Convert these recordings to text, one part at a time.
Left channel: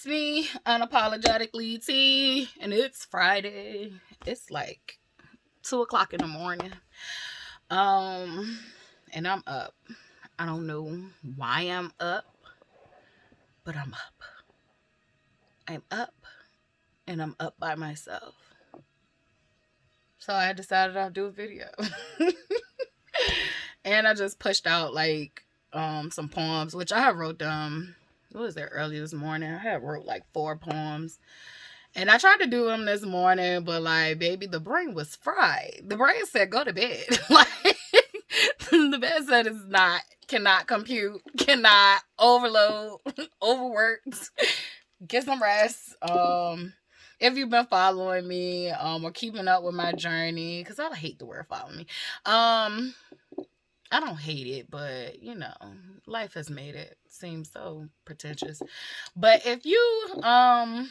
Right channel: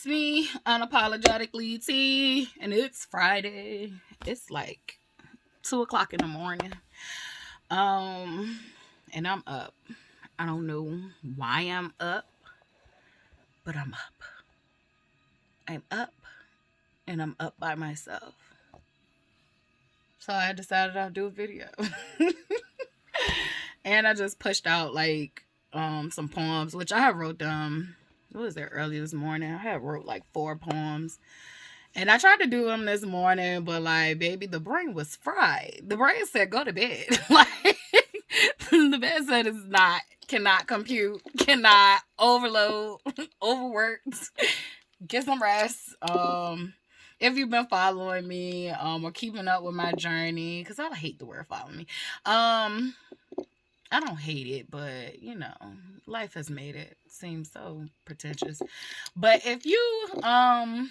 It's me, unapologetically T, and it's Friday. It's like 2 o'clock in the morning. Um, and I'm up. I don't know why I'm up, but I'm up. I'm up, and I'm up by myself. So I decided I'll do a video. And I just pushed out like some poems, which I had wrote them. What was it early this morning? I had wrote like 4 poems. And I tried to do them this morning, but like, baby, the brain was fried. The brain said, go to bed. Like, the bed said it's not, cannot compute, cannot overload, overworked. Get some rest. If you've been following me, or keeping up with my journey, because I hate the word following me. I don't hate it, but life has made it seem so pretentious. But if you, I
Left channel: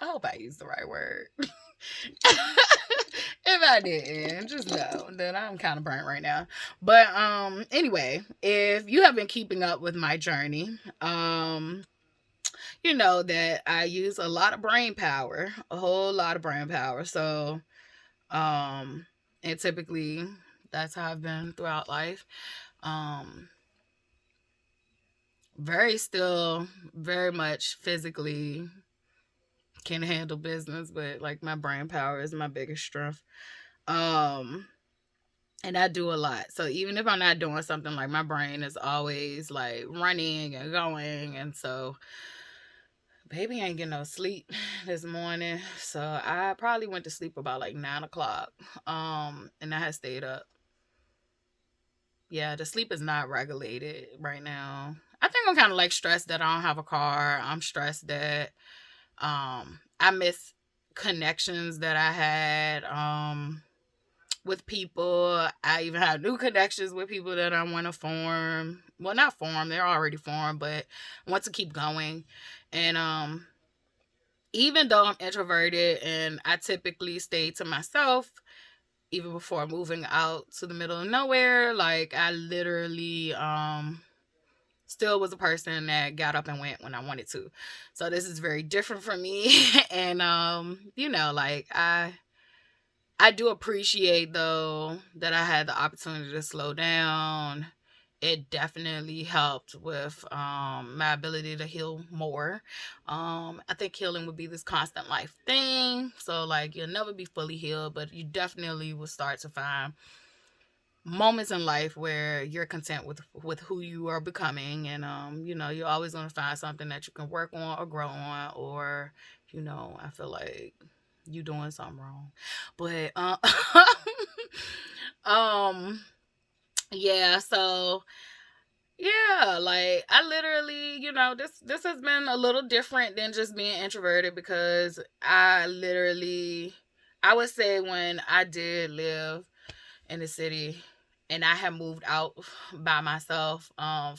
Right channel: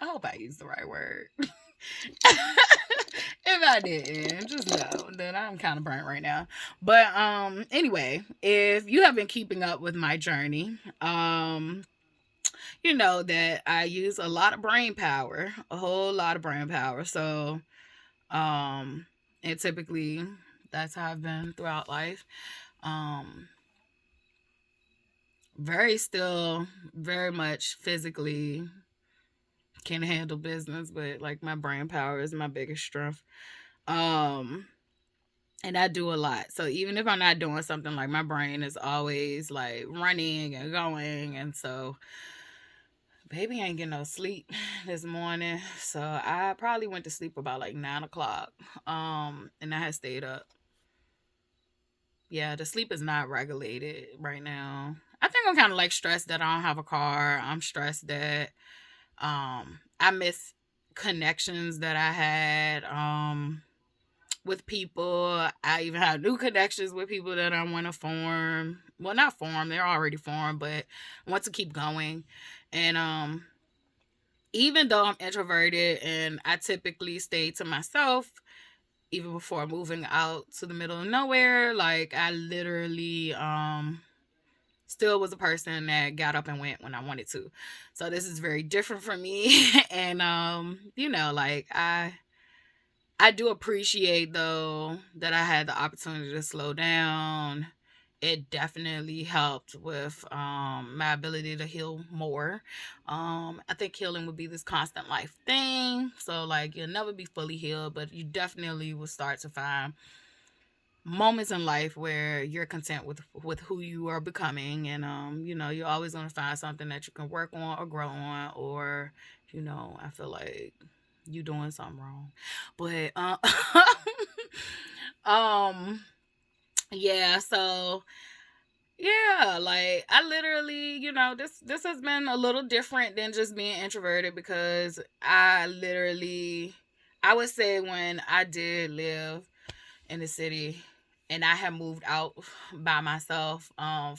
hope I used the right word. If I didn't, just know that I'm kind of burnt right now. But anyway, if you have been keeping up with my journey, you know that I use a lot of brain power, a whole lot of brain power. So, and typically that's how I've been throughout life. Um, very much physically can handle business, but like my brain power is my biggest strength. Um, and I do a lot. So even if I'm not doing something, like my brain is always like running and going. And so baby ain't getting no sleep this morning. So I probably went to sleep about like 9 o'clock. And I had stayed up. Yeah, the sleep is not regulated right now. I think I'm kind of like stressed that I don't have a car. I'm stressed that I miss connections that I had with people. I even have new connections with people that I want to form. Well, not form, they're already formed, but I want to keep going. And even though I'm introverted and I typically stay to myself, even before moving out to the middle of nowhere, like I literally still was a person that got up and went when I wanted to. So this is very different for me. And like I do appreciate though that I had the opportunity to slow down. It definitely helped with my ability to heal more. I think healing would be this constant life thing. So like you'll never be fully healed, but you definitely will start to find moments in life where you're content with who you are becoming. And you're always going to find something that you can work on or grow on, or I feel like you doing something wrong. But um yeah, so yeah, like I literally, this has been a little different than just being introverted, because I would say when I did live in the city and I had moved out by myself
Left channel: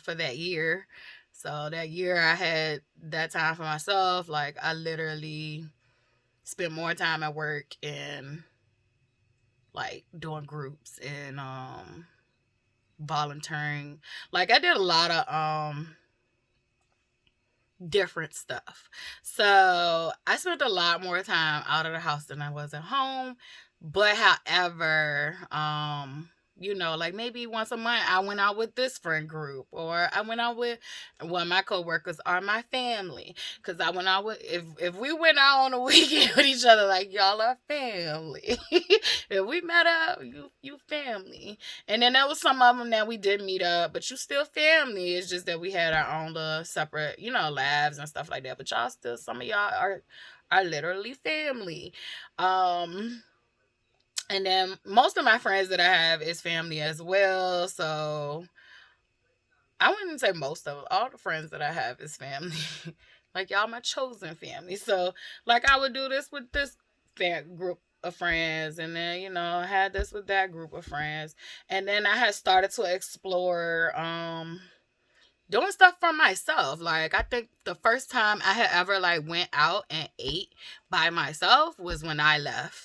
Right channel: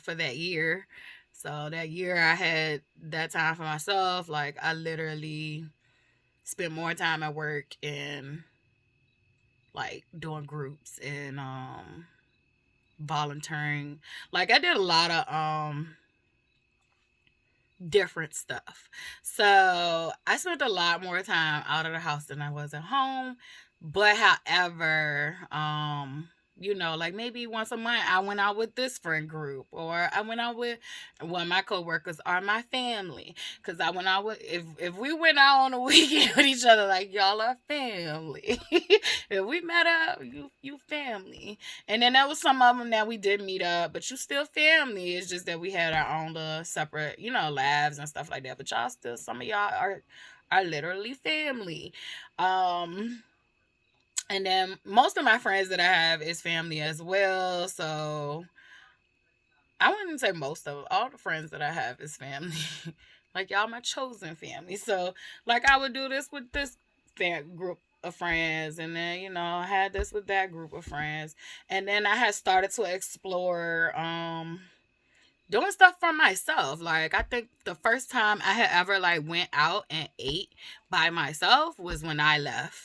for that year. So that year I had that time for myself. Like I literally spent more time at work and like doing groups and volunteering. Like I did a lot of different stuff. So I spent a lot more time out of the house than I was at home. But however, like maybe once a month I went out with this friend group, or I went out with my coworkers are my family. Cause I went out with if we went out on a weekend with each other, like y'all are family. If we met up, you family. And then there was some of them that we did meet up, but you still family. It's just that we had our own little separate, lives and stuff like that. But y'all still, some of y'all are literally family. And then most of my friends that I have is family as well. So I wouldn't say most of them. All the friends that I have is family. Like y'all my chosen family. So like I would do this with this group of friends, and then I had this with that group of friends, and then I had started to explore doing stuff for myself. Like I think the first time I had ever like went out and ate by myself was when I left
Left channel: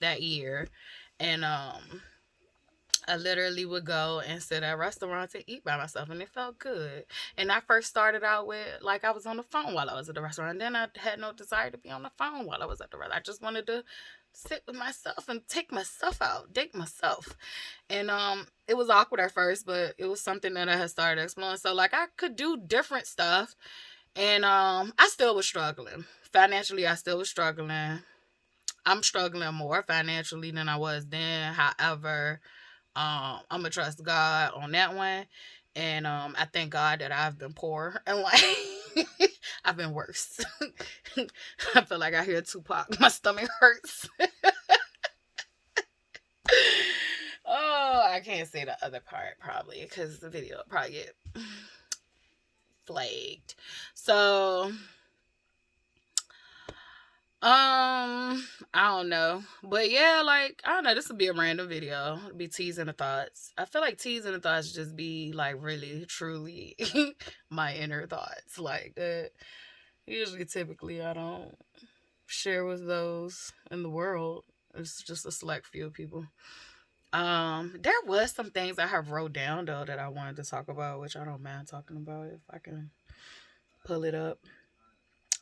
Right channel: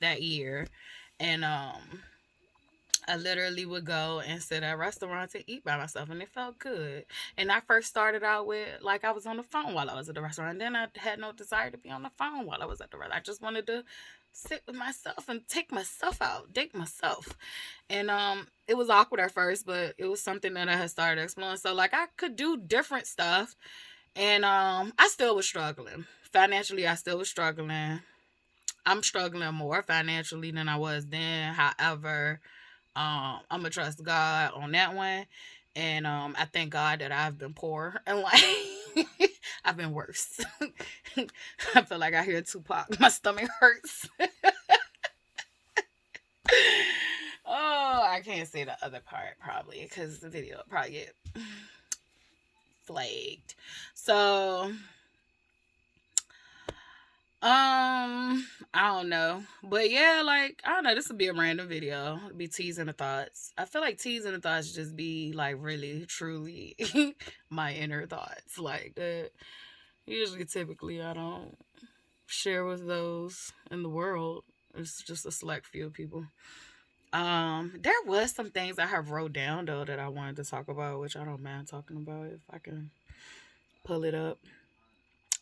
that year. And I literally would go and sit at restaurants and eat by myself, and it felt good. And I first started out with like I was on the phone while I was at the restaurant, and then I had no desire to be on the phone while I was at the restaurant. I just wanted to sit with myself and take myself out, date myself. And it was awkward at first, but it was something that I had started exploring. So like I could do different stuff, and I still was struggling financially. I still was struggling. I'm struggling more financially than I was then. However, I'm gonna trust God on that one, and I thank God that I've been poor and like I've been worse. I feel like I hear Tupac. My stomach hurts. Oh, I can't say the other part probably because the video will probably get flagged. So I don't know. But yeah, like, I don't know, this would be a random video. It'd be teasing the thoughts. I feel like teasing the thoughts just be like really, truly my inner thoughts. Like that usually typically I don't share with those in the world. It's just a select few people. There was some things I have wrote down though that I wanted to talk about, which I don't mind talking about if I can pull it up.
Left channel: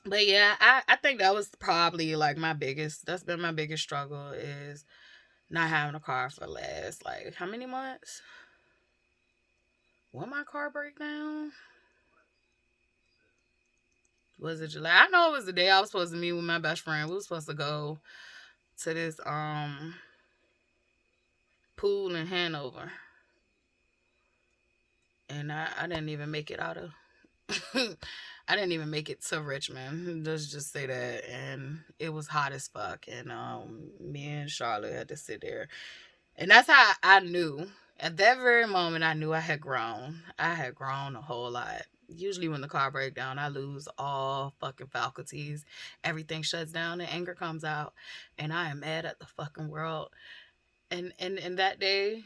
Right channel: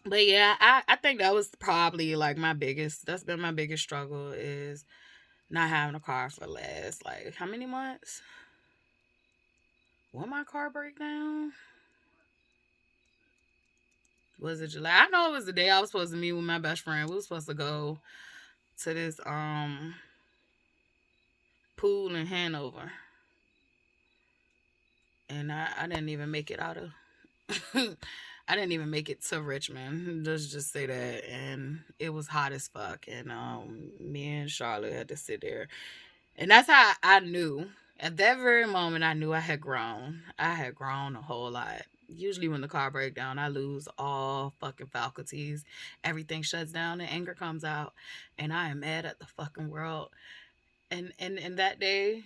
But yeah, I think that was probably like my biggest. That's been my biggest struggle is not having a car for the last like how many months? When my car break down? Was it July? I know it was the day I was supposed to meet with my best friend. We were supposed to go to this pool in Hanover, and I didn't even make it out of. I didn't even make it to Richmond. Let's just say that, and it was hot as fuck. And me and Charlotte had to sit there, and that's how I knew. At that very moment, I knew I had grown. I had grown a whole lot. Usually, when the car breaks down, I lose all fucking faculties. Everything shuts down, and anger comes out, and I am mad at the fucking world. And that day,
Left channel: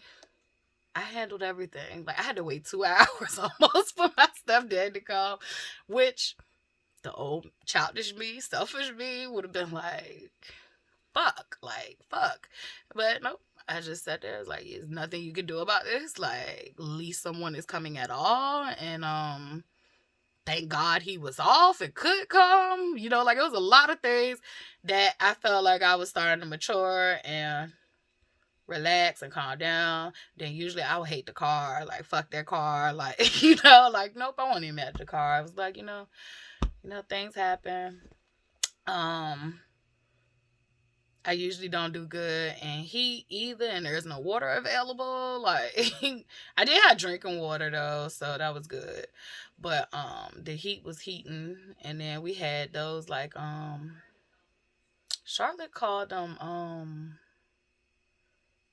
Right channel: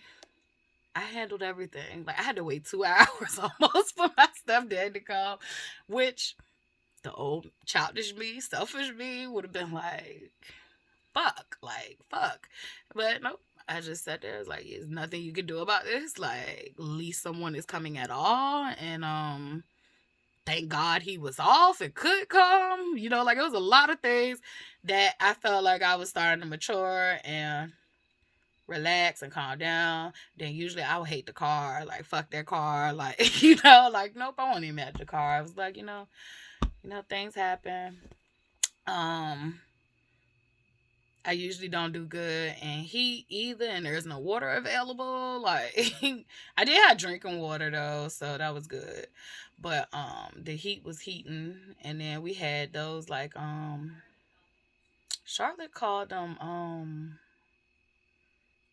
I handled everything. Like I had to wait 2 hours almost for my stepdad to come, which the old childish me, selfish me would have been like fuck. But nope. I just sat there. I was like, "There's nothing you can do about this. Like, at least someone is coming at all." And thank God he was off and could come. You know, like it was a lot of things that I felt like I was starting to mature and relax and calm down. Then usually I would hate the car, like fuck that car, like like nope, I won't even mad at the car. I was like, things happen. Um, I usually don't do good and heat either, and there's no water available. Like I did have drinking water though, so that was good. But the heat was heating, and then we had those like Charlotte called them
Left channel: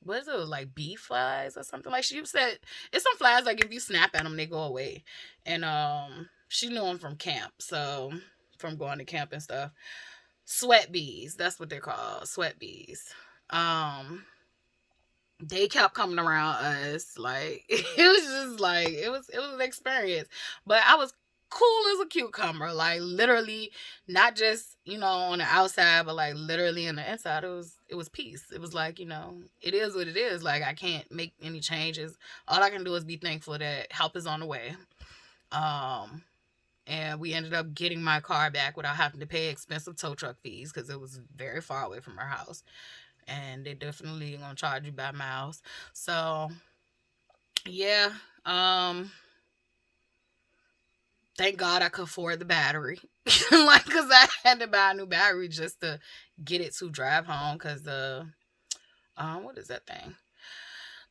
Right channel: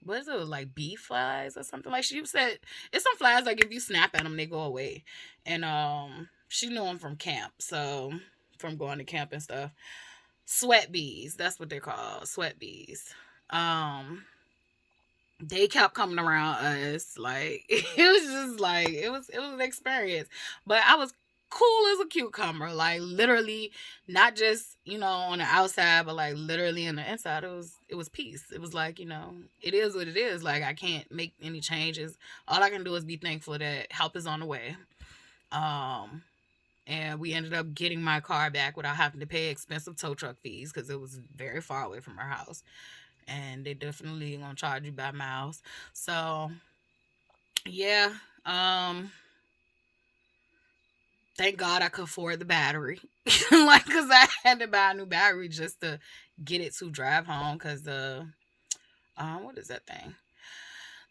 what is it like bee flies or something, like she said it's some flies like if you snap at them they go away, and she knew them from camp, so from going to camp and stuff. Sweat bees, that's what they're called, sweat bees. um they kept coming around us like it was just like it was an experience, but I was cool as a cucumber, like literally, not just on the outside but like literally in the inside. It was peace. It was like, it is what it is. Like I can't make any changes. All I can do is be thankful that help is on the way. um and we ended up getting my car back without having to pay expensive tow truck fees because it was very far away from our house, and they definitely gonna charge you by miles. So yeah, thank God I could afford the battery, like because I had to buy a new battery just to get it to drive home because the what is that thing?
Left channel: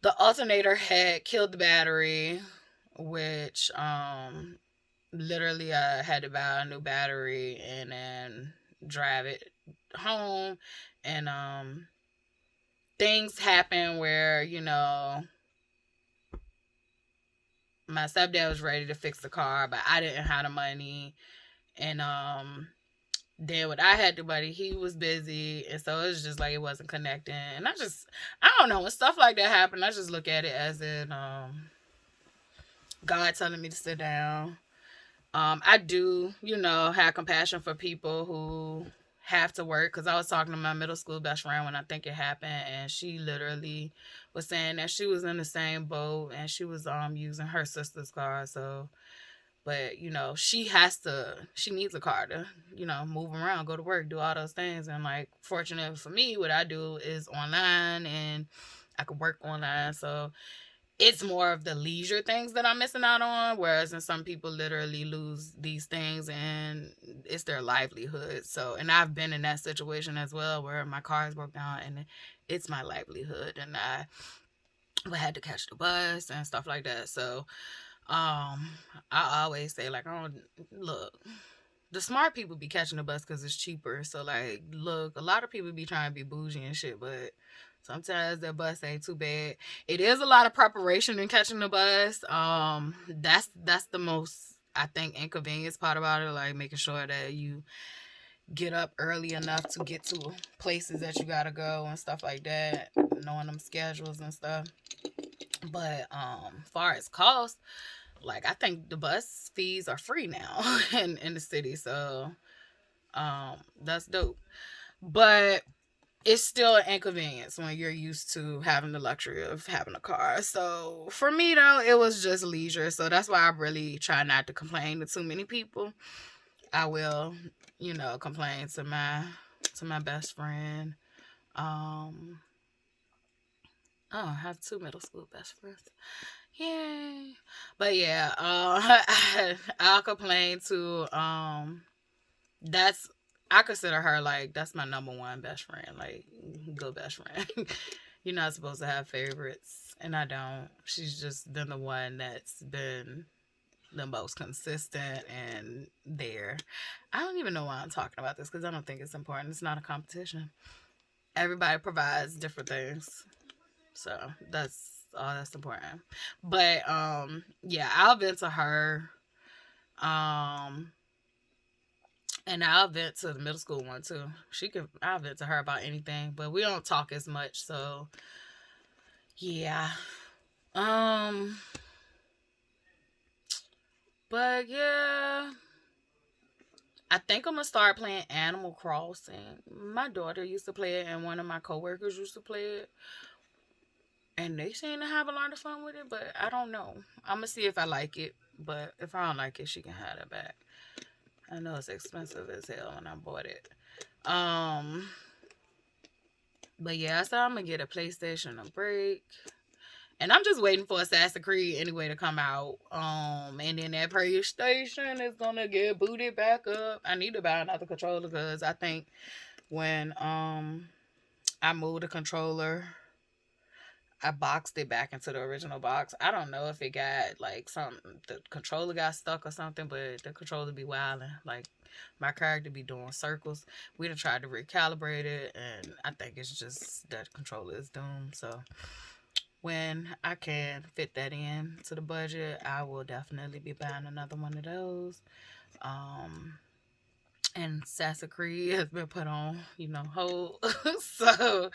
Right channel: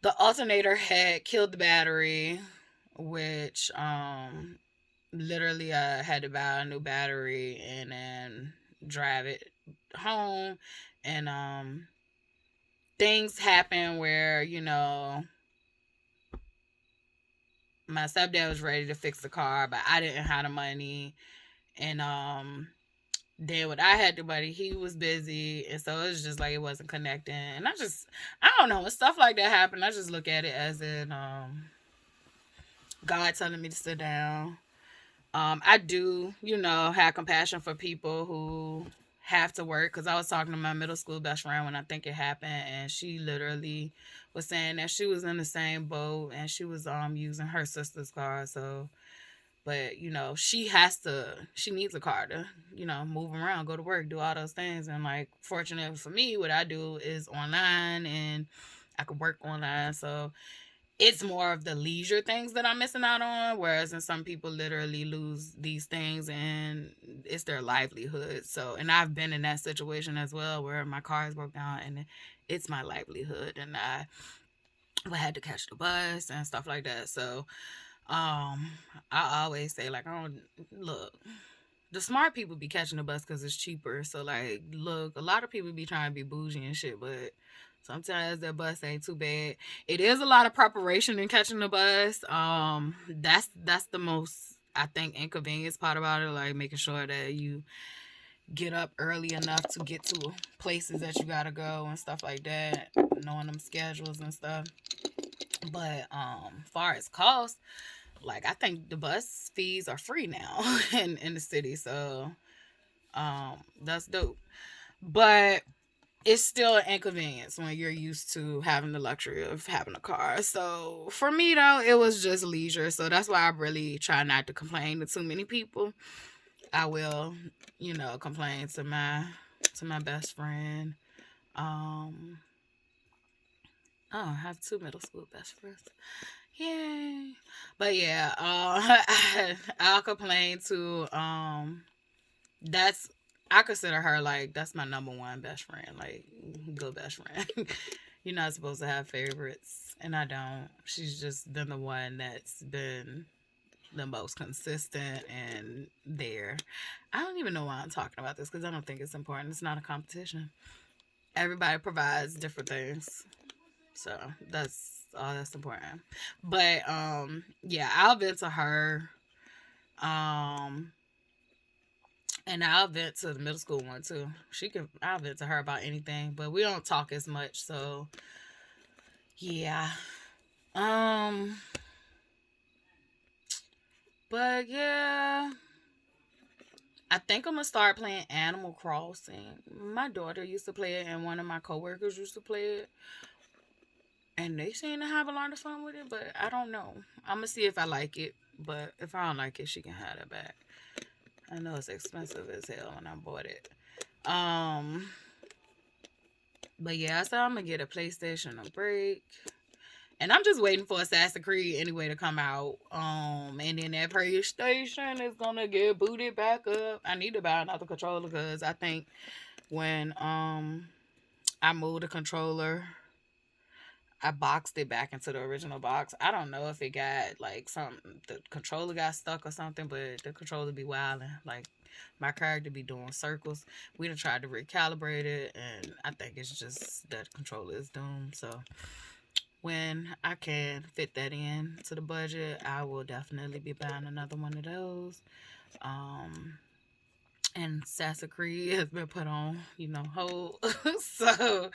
The alternator had killed the battery, which literally I had to buy a new battery and then drive it home, and things happen where my stepdad was ready to fix the car, but I didn't have the money. And then when I had the money, he was busy, and so it was just like it wasn't connecting. And I don't know, when stuff like that happen, I just look at it as in God telling me to sit down. I do, have compassion for people who have to work, because I was talking to my middle school best friend when I think it happened, and she literally was saying that she was in the same boat and she was using her sister's car. So, but she needs a car to move around, go to work, do all those things. And like, fortunate for me, what I do is online and I could work online. So it's more of the leisure things that I'm missing out on, whereas in some people literally lose these things and it's their livelihood. So, and I've been in that situation as well, where my car is broke down and it's my livelihood, and I had to catch the bus and stuff like that. So, I always say, like, I don't look. The smart people be catching the bus because it's cheaper. So, like, look, a lot of people be trying to be bougie and shit, but sometimes that bus ain't too bad. It is a lot of preparation in catching the bus. That's the most, I think, inconvenience part about it. Like, making sure that you get up early enough to get to places that you gotta go and stuff like that. Knowing them schedules and stuff. But far as cost, like, I think the bus fees are free now in the city. So that's dope. But it's still an inconvenience when you're used to having the luxury of having a car. So for me though, it was just leisure. So that's why I really try not to complain to too many people. I will, complain to my best friend. Um I have 2 middle school best friends. Yay. But yeah, I'll complain to that's I consider her like that's my number one best friend, like good best friend. You're not supposed to have favorites, and I don't. She's just been the one that's been the most consistent and there. I don't even know why I'm talking about this because I don't think it's important. It's not a competition. Everybody provides different things, so that's all that's important. But yeah, I'll vent to her. Um, And I'll vent to the middle school one too. I'll vent to her about anything, but we don't talk as much. So, yeah. Um, but yeah, I think I'm gonna start playing Animal Crossing. My daughter used to play it, and one of my coworkers used to play it, and they seem to have a lot of fun with it. But I don't know. I'm gonna see if I like it. But if I don't like it, she can have it back. I know it's expensive as hell when I bought it. Um, but yeah, so I'm gonna get a PlayStation a break. And I'm just waiting for Assassin's Creed anyway to come out. And then that PlayStation is gonna get booted back up. I need to buy another controller because I think when I moved the controller, I boxed it back into the original box. I don't know if it got like the controller got stuck or something, but the controller be wilding. Like, my character be doing circles. We done tried to recalibrate it, and I think it's just that controller is doomed. So when I can fit that in to the budget, I will definitely be buying another one of those. Um, and Assassin's Creed has been put on, hold. So,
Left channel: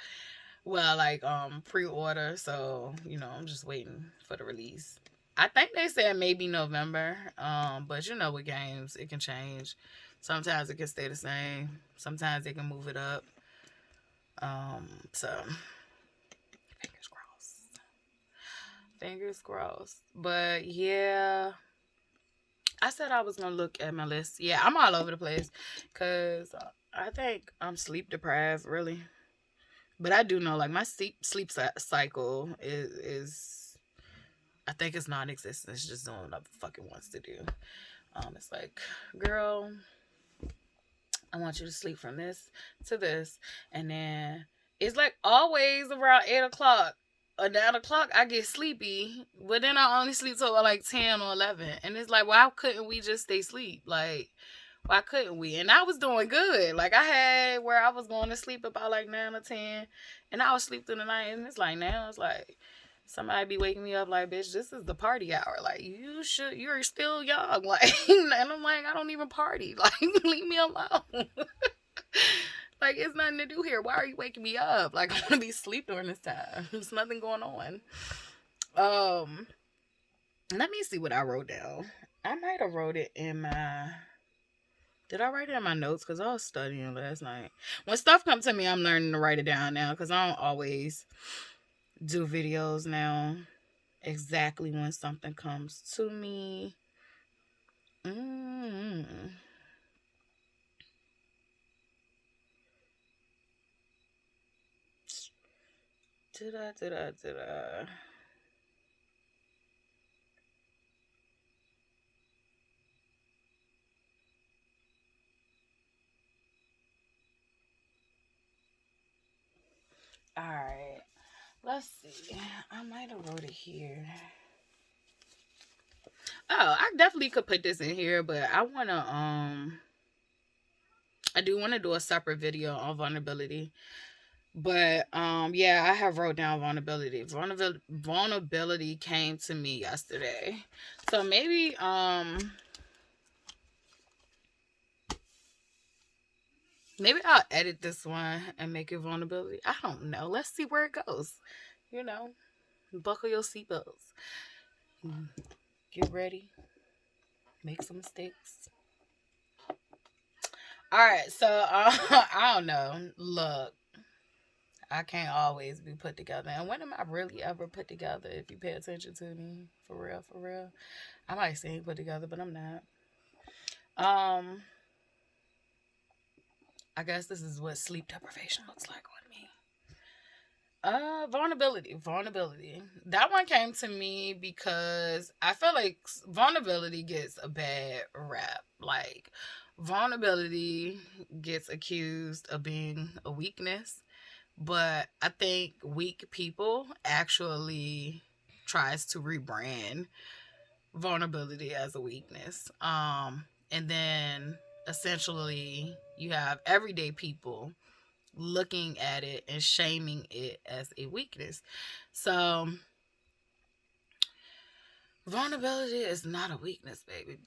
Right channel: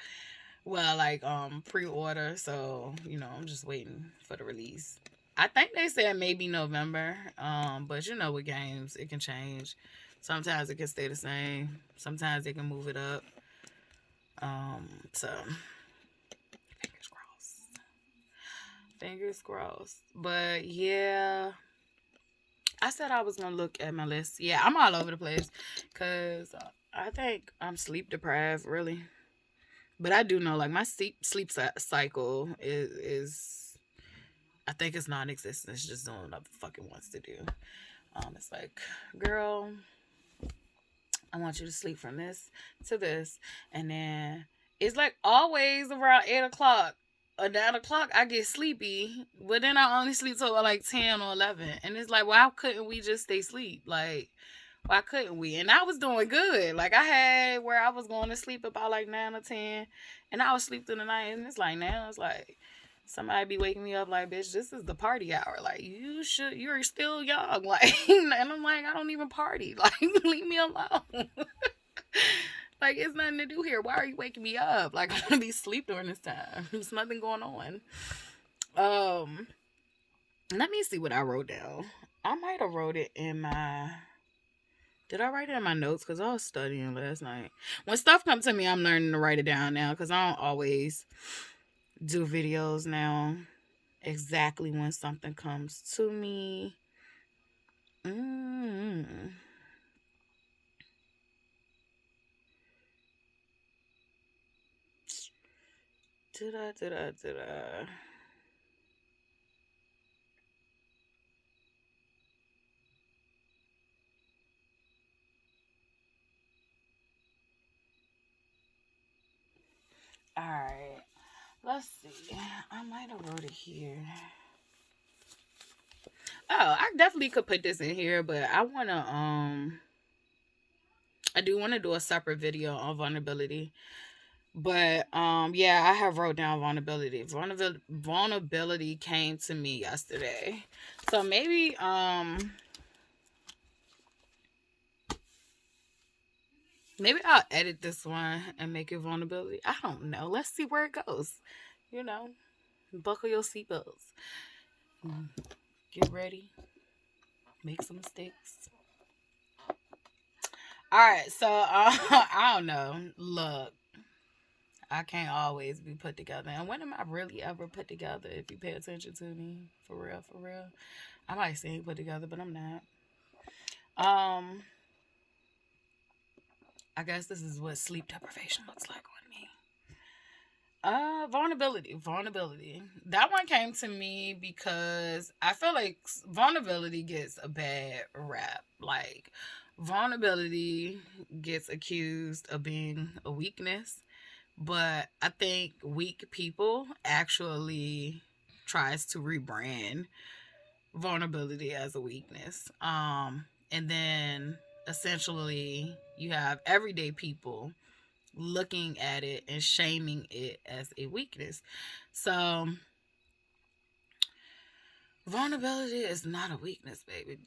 well, like pre-order. So, I'm just waiting for the release. I think they said maybe November. But with games, it can change. Sometimes it can stay the same. Sometimes they can move it up. So fingers crossed. Fingers crossed. But yeah, I said I was gonna look at my list. Yeah, I'm all over the place because I think I'm sleep deprived, really. But I do know, like, my sleep cycle is I think it's non-existent. It's just doing what it fucking wants to do. It's like, girl, I want you to sleep from this to this, and then it's like always around 8 o'clock or 9 o'clock I get sleepy, but then I only sleep till like 10 or 11, and it's like, why couldn't we just stay asleep? Like, why couldn't we? And I was doing good. Like, I had where I was going to sleep about like 9 or 10, and I would sleep through the night. And it's like, now it's like somebody be waking me up like, bitch, this is the party hour. Like, you're still young. Like, and I'm like, I don't even party. Like, leave me alone. Like, it's nothing to do here. Why are you waking me up? Like, I'm gonna be asleep during this time. There's nothing going on. Let me see what I wrote down. I might have wrote it in my. Did I write it in my notes? Because I was studying last night. When stuff comes to me, I'm learning to write it down now because I don't always do videos now exactly when something comes to me. Mm. Did I? All right. Let's see. I might have wrote it here. Oh, I definitely could put this in here, but I do want to do a separate video on vulnerability. But yeah, I have wrote down vulnerability. Vulnerability came to me yesterday. So maybe I'll edit this one and make it vulnerability. I don't know. Let's see where it goes. You know, buckle your seatbelts. Get ready. Make some mistakes. All right, so I don't know. Look, I can't always be put together. And when am I really ever put together? If you pay attention to me, for real, for real, I might say put together, but I'm not. Um, I guess this is what sleep deprivation looks like on me. Vulnerability. That one came to me because I feel like vulnerability gets a bad rap. Like, vulnerability gets accused of being a weakness, but I think weak people actually tries to rebrand vulnerability as a weakness. And then essentially you have everyday people looking at it and shaming it as a weakness. So vulnerability is not a weakness, baby.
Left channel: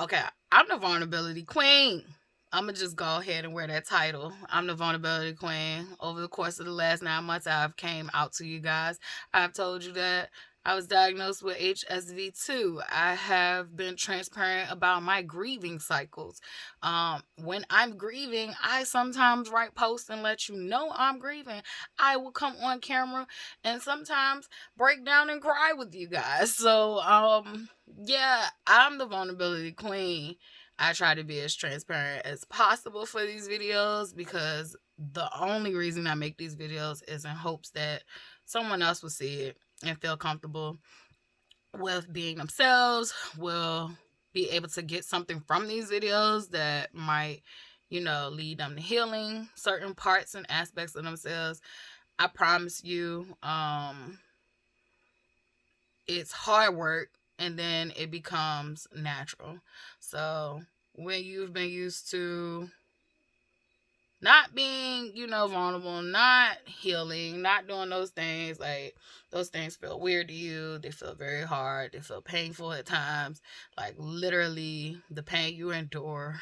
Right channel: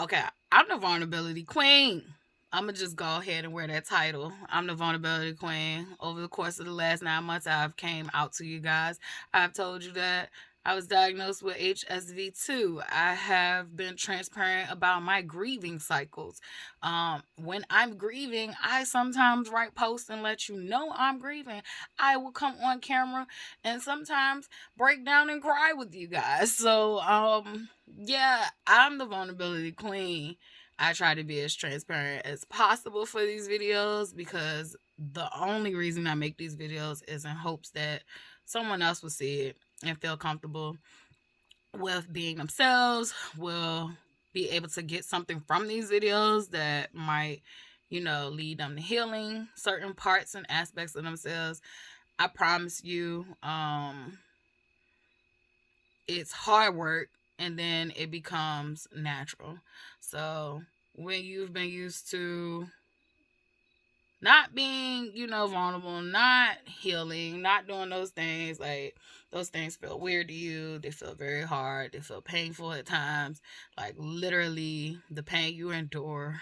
Okay, I'm the vulnerability queen. I'm gonna just go ahead and wear that title. I'm the vulnerability queen. Over the course of the last 9 months, I've came out to you guys. I've told you that I was diagnosed with HSV2. I have been transparent about my grieving cycles. When I'm grieving, I sometimes write posts and let you know I'm grieving. I will come on camera and sometimes break down and cry with you guys. So, yeah, I'm the vulnerability queen. I try to be as transparent as possible for these videos because the only reason I make these videos is in hopes that someone else will see it and feel comfortable with being themselves, will be able to get something from these videos that might, lead them to healing certain parts and aspects of themselves. I promise you, it's hard work and then it becomes natural. So when you've been used to not being, vulnerable, not healing, not doing those things, like those things feel weird to you. They feel very hard. They feel painful at times. Like literally the pain you endure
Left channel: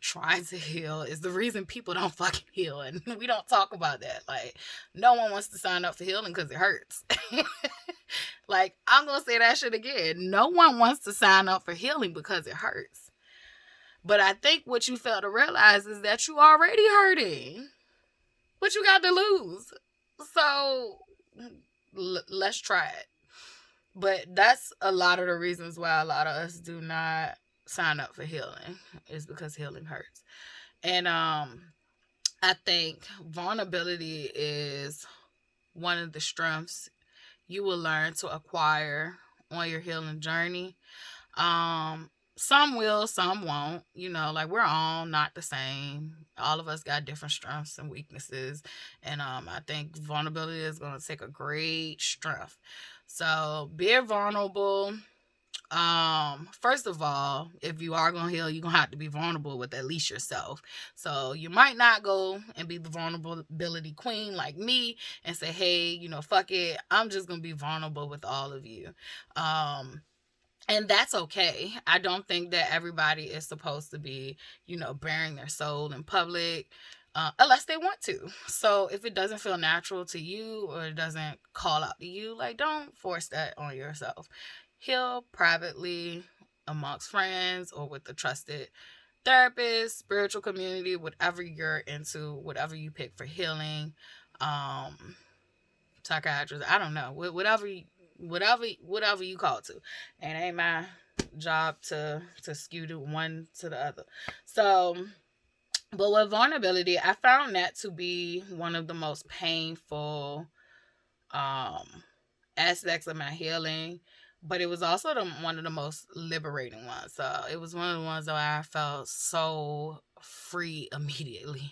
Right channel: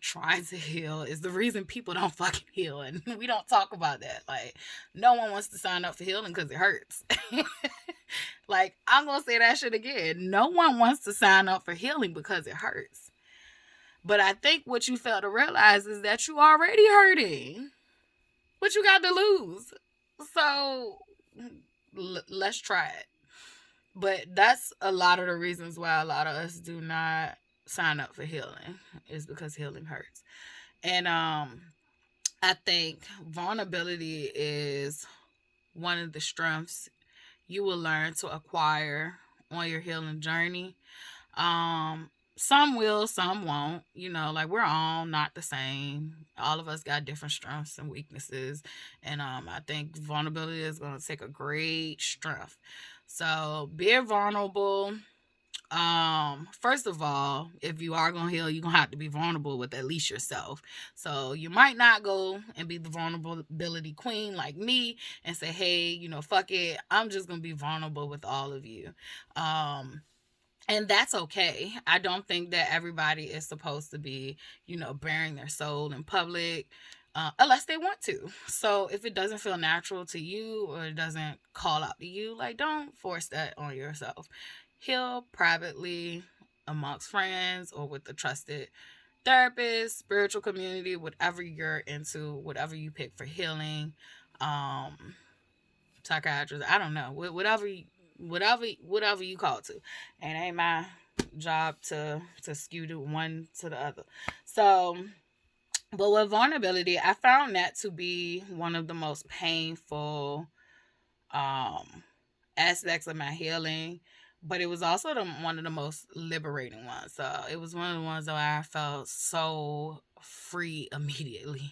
trying to heal is the reason people don't fucking heal. And we don't talk about that. Like no one wants to sign up for healing because it hurts. Like I'm going to say that shit again. No one wants to sign up for healing because it hurts. But I think what you fail to realize is that you already hurting. What you got to lose? So let's try it. But that's a lot of the reasons why a lot of us do not sign up for healing is because healing hurts. And I think vulnerability is one of the strengths you will learn to acquire on your healing journey. Some will, some won't. Like we're all not the same. All of us got different strengths and weaknesses. And I think vulnerability is going to take a great strength. So being vulnerable. First of all, if you are gonna heal, you're gonna have to be vulnerable with at least yourself. So you might not go and be the vulnerability queen like me and say, hey, fuck it, I'm just gonna be vulnerable with all of you. And that's okay. I don't think that everybody is supposed to be, bearing their soul in public. Unless they want to. So if it doesn't feel natural to you or it doesn't call out to you, like don't force that on yourself. Heal privately amongst friends or with a trusted therapist, spiritual community, whatever you're into, whatever you pick for healing. Um, psychiatrist. I don't know. Whatever you call it to. And it ain't my job to skew to one to the other. So, but with vulnerability, I found that to be one of the most painful um aspects of my healing, but it was also one of the most liberating ones. So it was one of the ones that I felt so free immediately.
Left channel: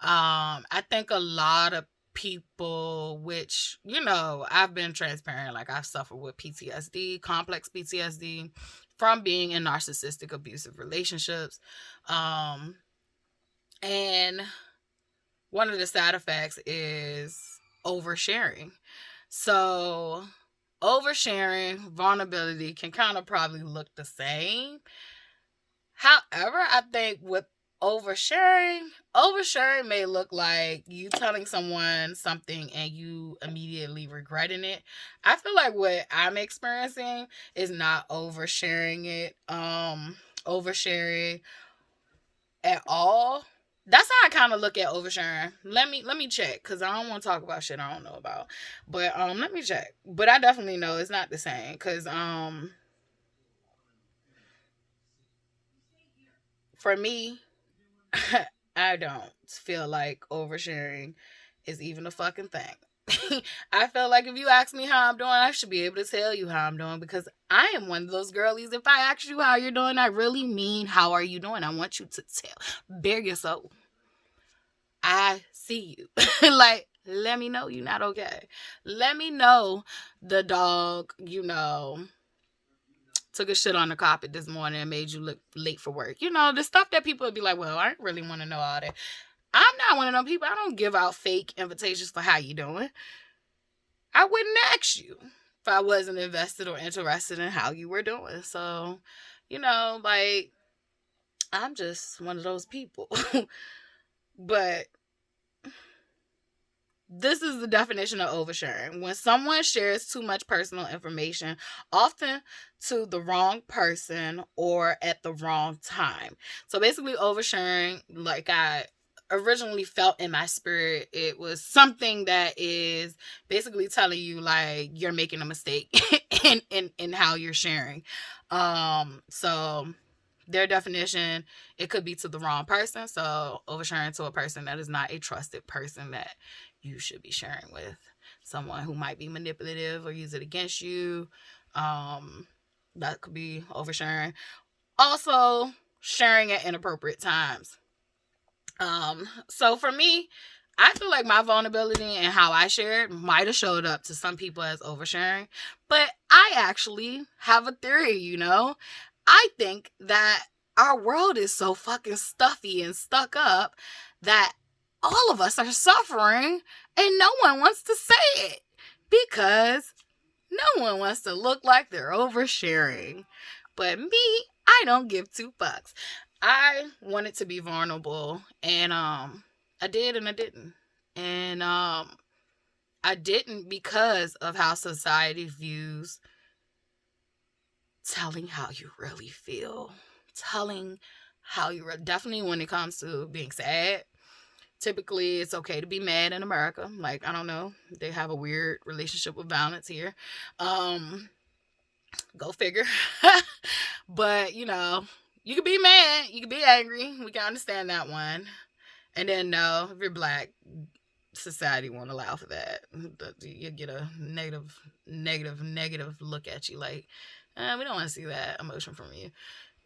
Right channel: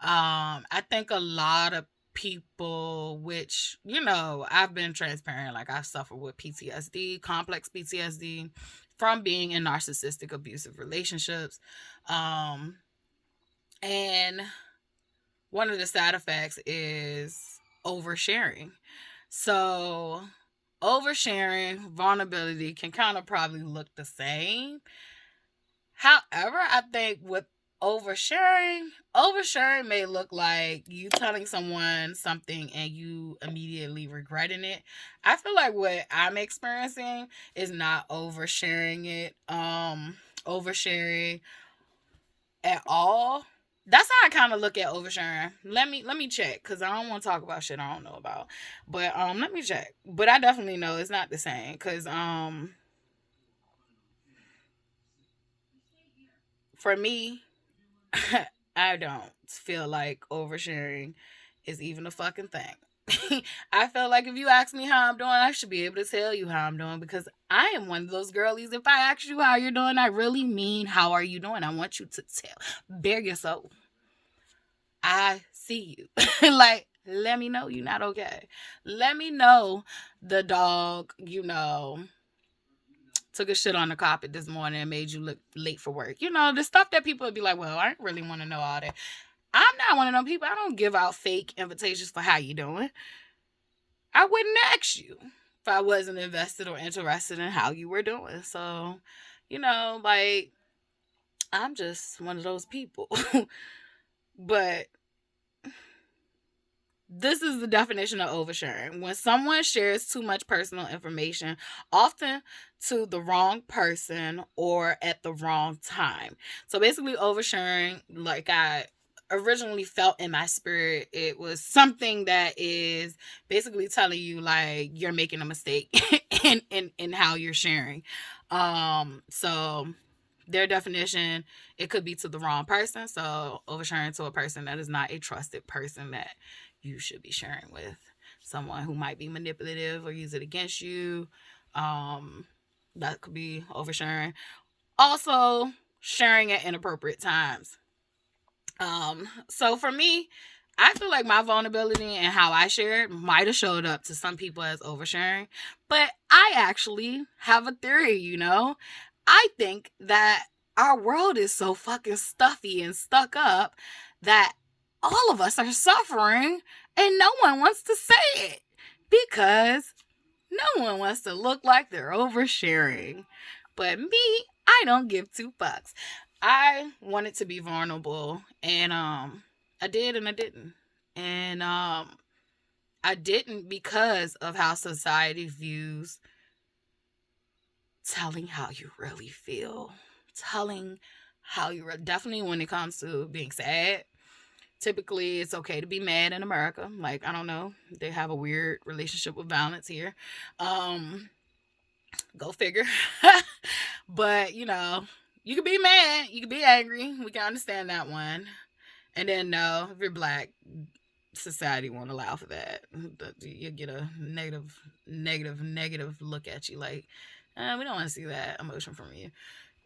I think a lot of people, which, I've been transparent, like I've suffered with PTSD, complex PTSD from being in narcissistic abusive relationships. And one of the side effects is oversharing. So oversharing, vulnerability can kind of probably look the same. However, I think with oversharing may look like you telling someone something and you immediately regretting it. I feel like what I'm experiencing is not oversharing at all. That's how I kind of look at oversharing. Let me check, because I don't want to talk about shit I don't know about. But let me check. But I definitely know it's not the same, because for me, I don't feel like oversharing is even a fucking thing. I feel like if you ask me how I'm doing, I should be able to tell you how I'm doing, because I am one of those girlies. If I ask you how you're doing, I really mean how are you doing. I want you to bare your soul. I see you. Like, let me know you're not okay. Let me know the dog, took a shit on the carpet this morning and made you look late for work. The stuff that people would be like, well, I don't really want to know all that. I'm not one of them people. I don't give out fake invitations for how you doing. I wouldn't ask you if I wasn't invested or interested in how you were doing. So, like, I'm just one of those people. But this is the definition of oversharing. When someone shares too much personal information, often to the wrong person or at the wrong time. So basically, oversharing, like I originally felt in my spirit, it was something that is basically telling you like you're making a mistake in how you're sharing. So their definition, it could be to the wrong person. So oversharing to a person that is not a trusted person that you should be sharing with, someone who might be manipulative or use it against you. That could be oversharing. Also, sharing at inappropriate times. So for me, I feel like my vulnerability and how I shared might have showed up to some people as oversharing, but I actually have a theory, I think that our world is so fucking stuffy and stuck up that all of us are suffering and no one wants to say it because no one wants to look like they're oversharing. But me, I don't give two fucks. I wanted to be vulnerable, and I did and I didn't. And I didn't because of how society views telling how you really feel. Telling how you definitely when it comes to being sad. Typically, it's okay to be mad in America. Like, I don't know. They have a weird relationship with violence here. Go figure. But, you can be mad. You can be angry. We can understand that one. And then, no, if you're black, society won't allow for that. You get a negative look at you. Like, we don't want to see that emotion from you.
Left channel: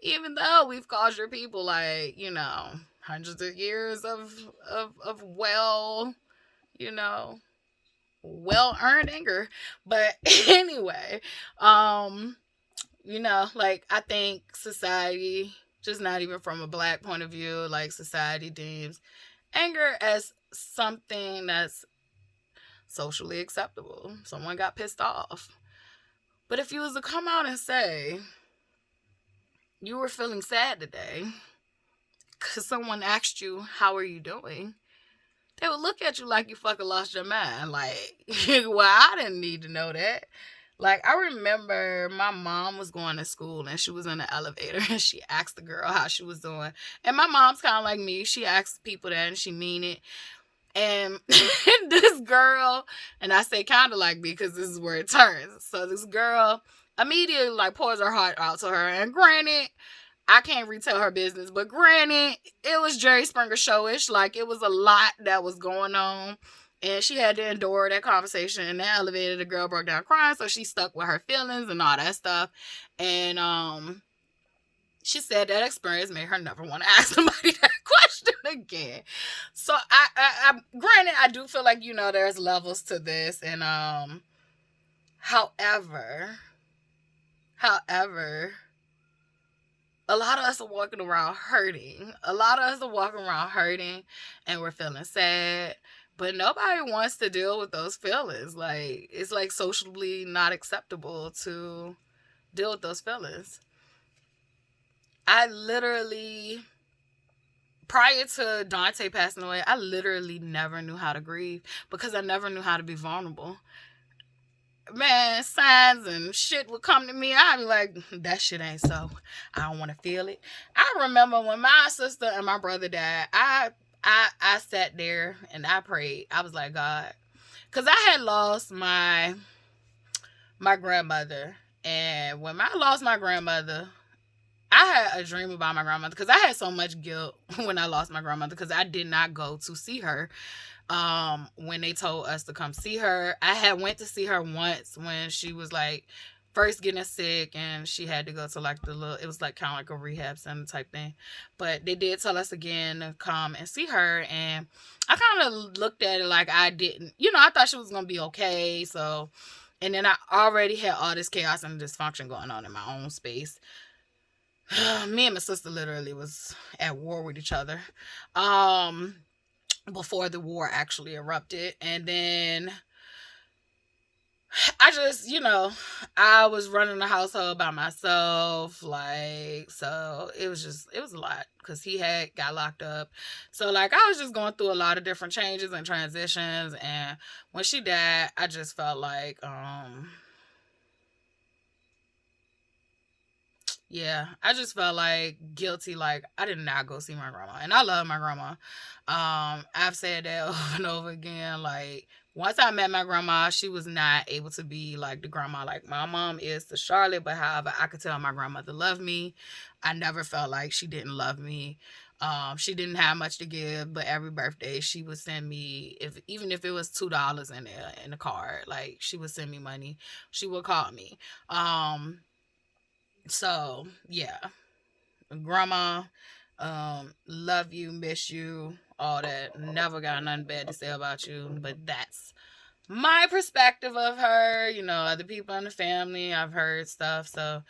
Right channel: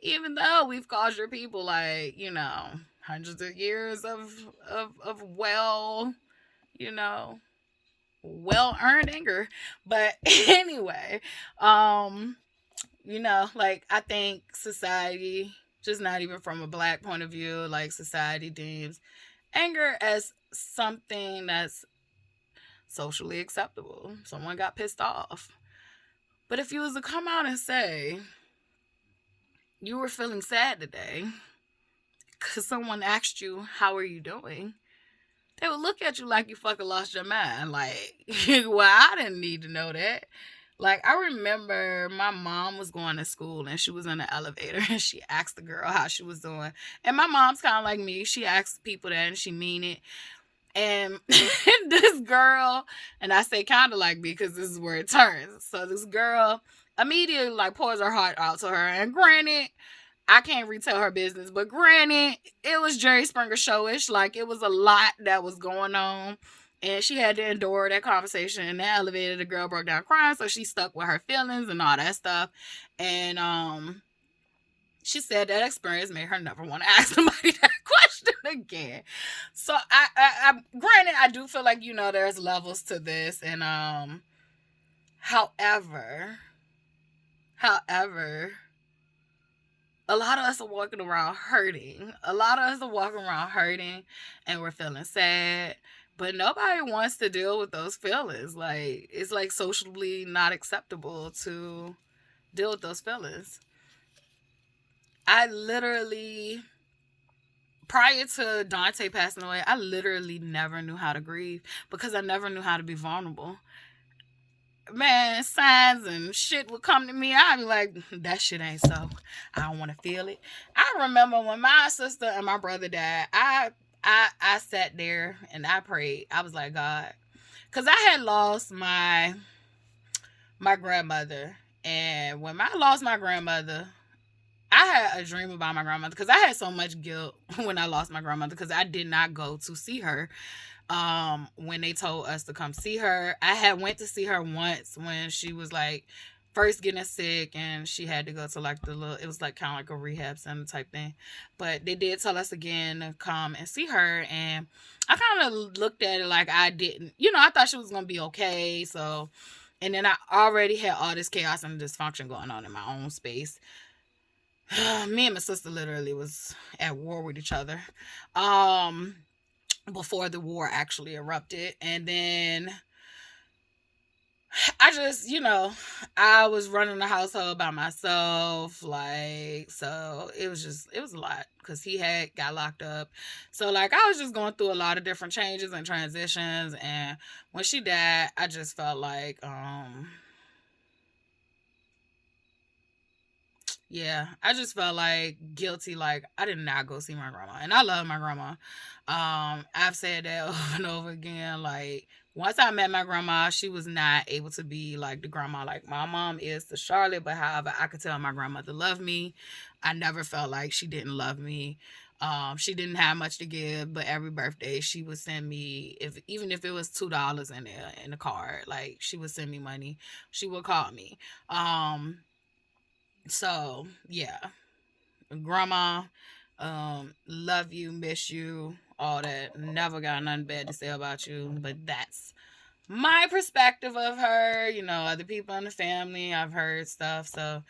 Even though we've caused your people, like, hundreds of years of well earned anger. But anyway, like, I think society, just not even from a black point of view, like, society deems anger as something that's socially acceptable. Someone got pissed off. But if you was to come out and say you were feeling sad today because someone asked you, how are you doing? They would look at you like you fucking lost your mind. Like, well, I didn't need to know that. Like, I remember my mom was going to school and she was in the elevator and she asked the girl how she was doing. And my mom's kind of like me. She asks people that and she mean it. And this girl, and I say kind of like me because this is where it turns. So this girl immediately like pours her heart out to her. And granted, I can't retell her business, but granted, it was Jerry Springer showish. Like it was a lot that was going on. And she had to endure that conversation in the elevator. The girl broke down crying, so she stuck with her feelings and all that stuff. And she said that experience made her never want to ask somebody that question again. So I granted, I do feel like, you know, there's levels to this. And however, a lot of us are walking around hurting. A lot of us are walking around hurting and we're feeling sad. But nobody wants to deal with those feelings. Like, it's like socially not acceptable to deal with those feelings. I literally, prior to Dante passing away, I literally never knew how to grieve because I never knew how to be vulnerable. Man, signs and shit would come to me. I'd be like, that shit ain't so. I don't want to feel it. I remember when my sister and my brother died, I sat there and I prayed. I was like, God, because I had lost my grandmother. And when I lost my grandmother, I had a dream about my grandmother because I had so much guilt when I lost my grandmother because I did not go to see her when they told us to come see her. I had went to see her once when she was like first getting sick and she had to go to like it was like kind of like a rehab center type thing. But they did tell us again to come and see her, and I kind of looked at it like I didn't, you know, I thought she was going to be okay. So, and then I already had all this chaos and dysfunction going on in my own space. Me and my sister literally was at war with each other before the war actually erupted. And then I just, you know, I was running the household by myself. Like, so it was a lot because he had got locked up. So like, I was just going through a lot of different changes and transitions. And when she died, I just felt like, yeah, I just felt like guilty. Like I did not go see my grandma, and I love my grandma. I've said that over and over again. Like once I met my grandma, she was not able to be like the grandma like my mom is to Charlotte. But however, I could tell my grandmother loved me. I never felt like she didn't love me. She didn't have much to give, but every birthday she would send me, even if it was $2 in there in the card, like she would send me money. She would call me. So yeah, grandma, love you, miss you, all that. Never got nothing bad to say about you, but that's my perspective of her. You know, other people in the family, I've heard stuff, so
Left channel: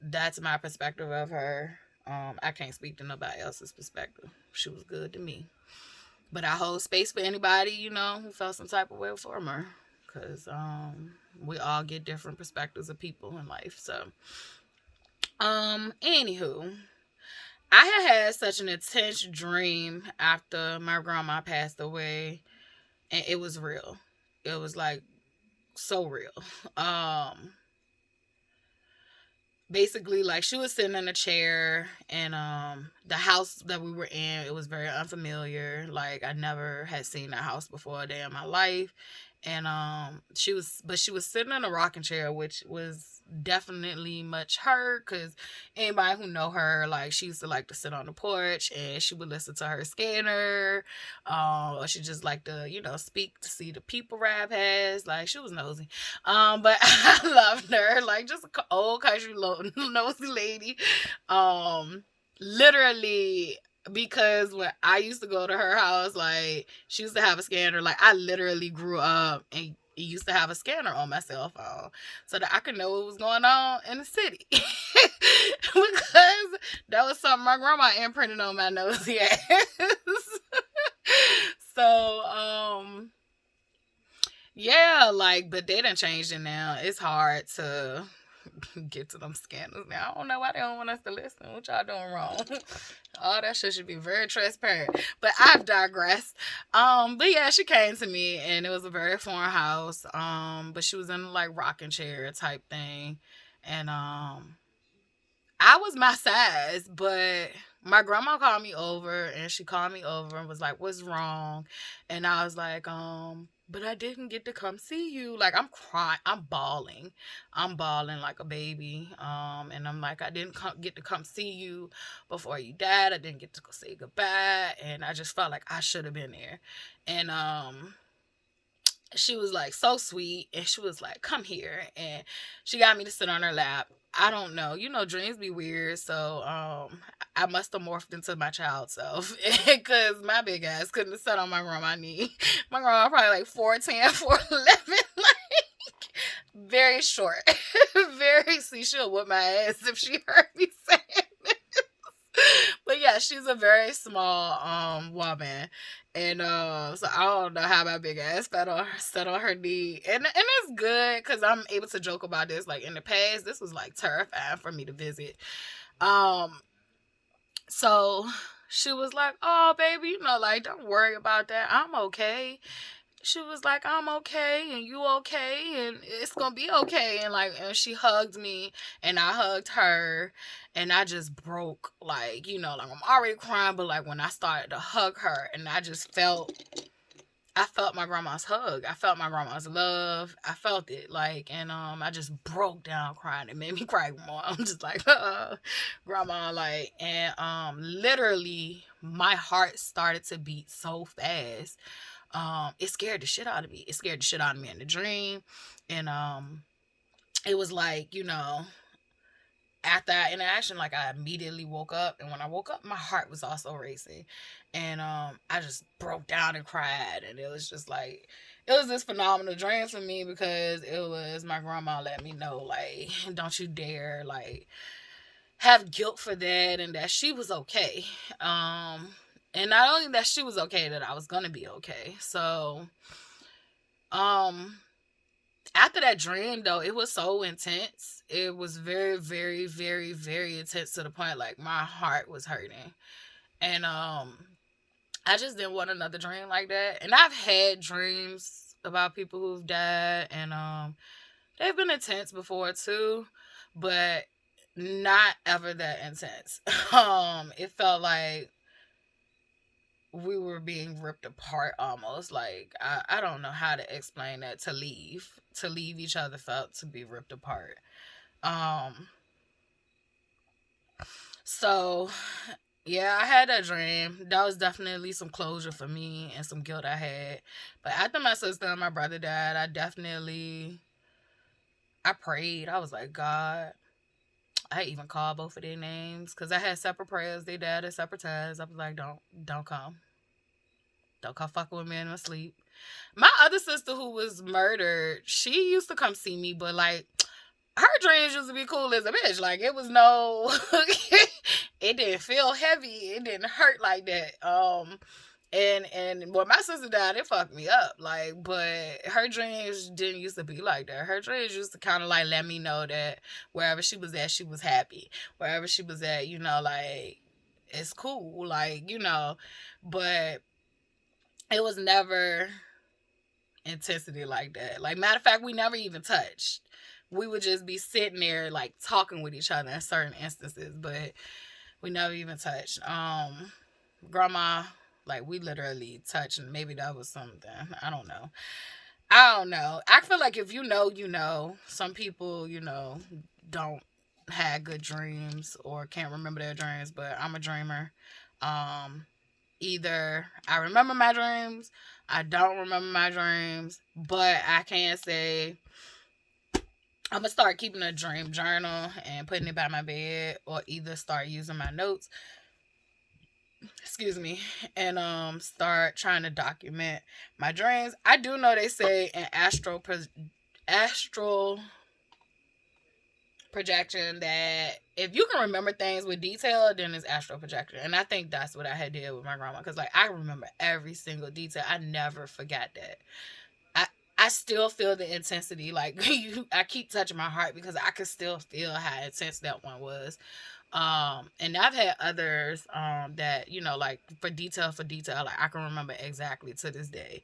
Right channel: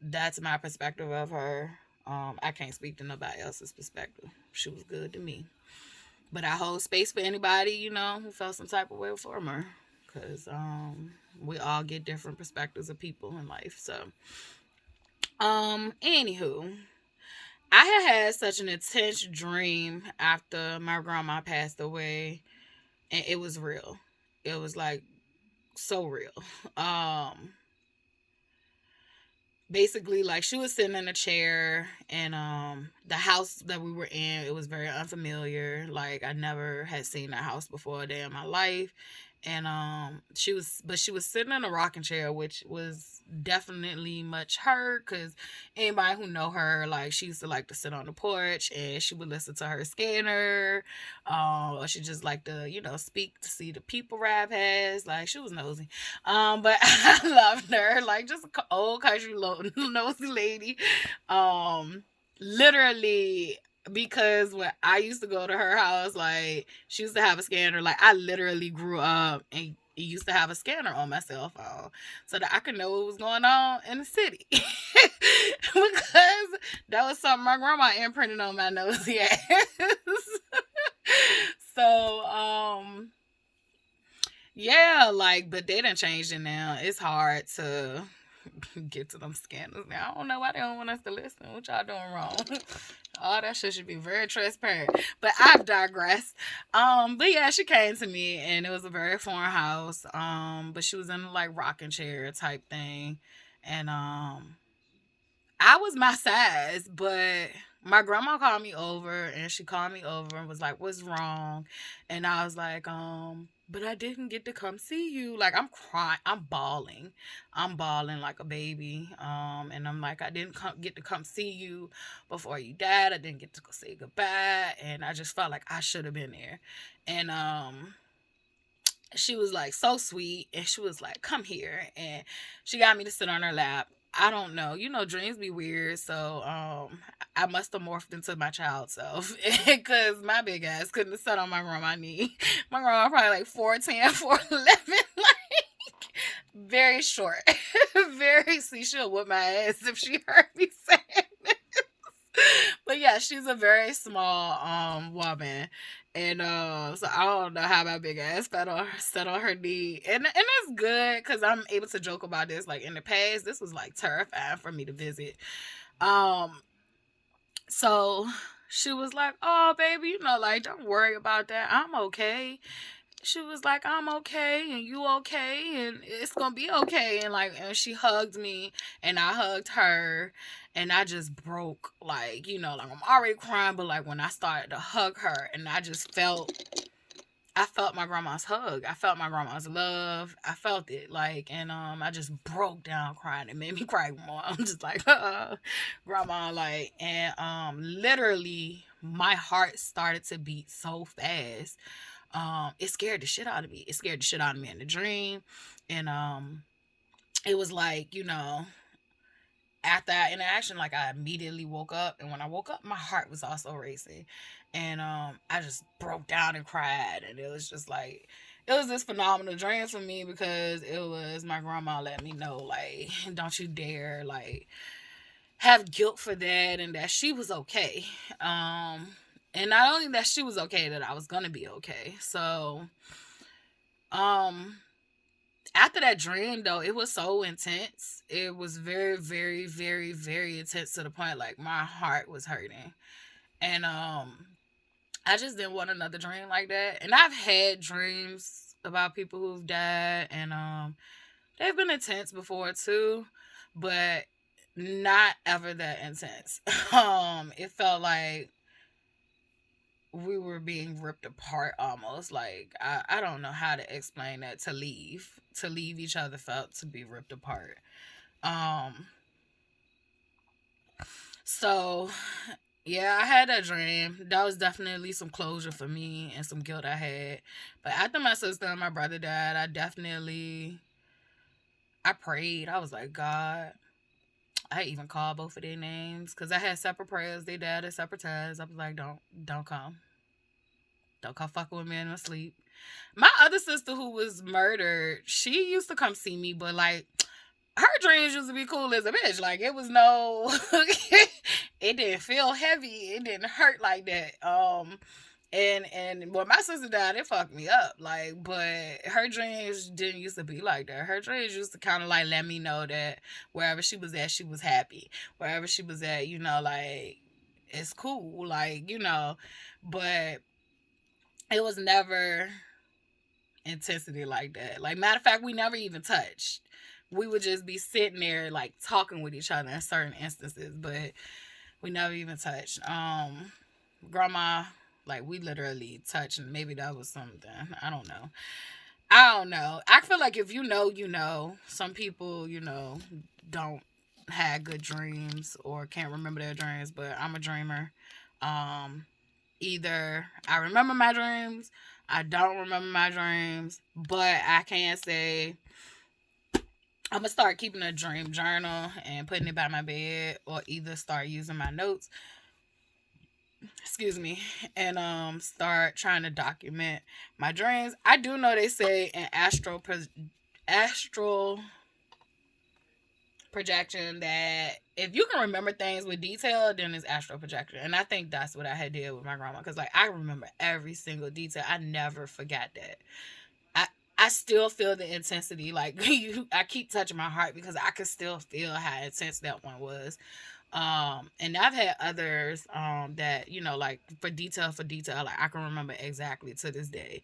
that's my perspective of her. I can't speak to nobody else's perspective. She was good to me, but I hold space for anybody, you know, who felt some type of way from her, because we all get different perspectives of people in life. So anywho, I had such an intense dream after my grandma passed away, and it was real. It was like so real. Basically, like she was sitting in a chair, and the house that we were in, it was very unfamiliar. Like I never had seen that house before a day in my life. And she was sitting in a rocking chair, which was definitely much her, because anybody who know her, like she used to like to sit on the porch and she would listen to her scanner, or she just like to, you know, speak to see the people Rap has. Like she was nosy, but I loved her, like just an old country nosy lady. Literally, because when I used to go to her house, like she used to have a scanner. Like I literally grew up and used to have a scanner on my cell phone so that I could know what was going on in the city. Because that was something my grandma imprinted on my nosy ass. So yeah, like, but they done changed it now. It's hard to get to them scandals now. I don't know why they don't want us to listen. What y'all doing wrong? All that shit should be very transparent. But I've digressed. But yeah, she came to me and it was a very foreign house. But she was in like rocking chair type thing. And I was my size, but my grandma called me over and she called me over and was like, "What's wrong?" And I was like, but I didn't get to come see you. Like, I'm crying, I'm bawling. I'm bawling like a baby. And I'm like, I didn't get to come see you before you died. I didn't get to go say goodbye. And I just felt like I should have been there. And she was like so sweet, and she was like, "Come here," and she got me to sit on her lap. I don't know, dreams be weird, so I must have morphed into my child self because my big ass couldn't have sat on my grandma's knee. My grandma probably like 4'10", 4'11", like very short, very. See, she'll whip my ass if she heard me saying it. But yeah, she's a very small woman. And so I don't know how my big ass sat on her knee. And it's good because I'm able to joke about this. Like in the past, this was like terrifying for me to visit. Um so she was like, "Oh baby, like don't worry about that. I'm okay." She was like, "I'm okay and you okay and it's gonna be okay." And she hugged me and I hugged her, and I just broke, like, like I'm already crying, but like when I started to hug her, and I felt my grandma's hug. I felt my grandma's love. I felt it, like, and I just broke down crying. It made me cry more. I'm just like, grandma, like, and literally my heart started to beat so fast. It scared the shit out of me. It scared the shit out of me in the dream. And it was like, after that interaction, like I immediately woke up, and when I woke up, my heart was also racing. And I just broke down and cried, and it was just like it was this phenomenal dream for me because it was my grandma let me know, like, don't you dare like have guilt for that, and that she was okay. And not only that she was okay, that I was gonna be okay. So um after that dream though, it was so intense. It was very, very, very, very intense to the point like my heart was hurting. And I just didn't want another dream like that. And I've had dreams about people who've died, and they've been intense before too, but not ever that intense. It felt like we were being ripped apart almost. Like I don't know how to explain that. To leave each other felt to be ripped apart. Um so yeah, I had that dream. That was definitely some closure for me and some guilt I had. But after my sister and my brother died, I prayed. I was like, God, I even called both of their names because I had separate prayers. They died at separate times. I was like, don't come. Don't come fucking with me in my sleep. My other sister who was murdered, she used to come see me, but like her dreams used to be cool as a bitch. Like it was no it didn't feel heavy. It didn't hurt like that. And when my sister died, it fucked me up. Like, but her dreams didn't used to be like that. Her dreams used to kind of like let me know that wherever she was at, she was happy. Wherever she was at, like it's cool. Like, but it was never intensity like that. Like, matter of fact, we never even touched. We would just be sitting there like talking with each other in certain instances, but we never even touched. Grandma, like we literally touched, and maybe that was something. I don't know. I don't know. I feel like if you know, you know. Some people, don't have good dreams or can't remember their dreams, but I'm a dreamer. Um, Either I remember my dreams, I don't remember my dreams, but I can say I'm gonna start keeping a dream journal and putting it by my bed, or either start using my notes, excuse me, and start trying to document my dreams. I do know they say in astral projection that if you can remember things with detail, then it's astral projection. And I think that's what I had did with my grandma, because like I remember every single detail. I never forgot that. I I still feel the intensity. Like I keep touching my heart because I could still feel how intense that one was. And I've had others that, like for detail, like I can remember exactly to this day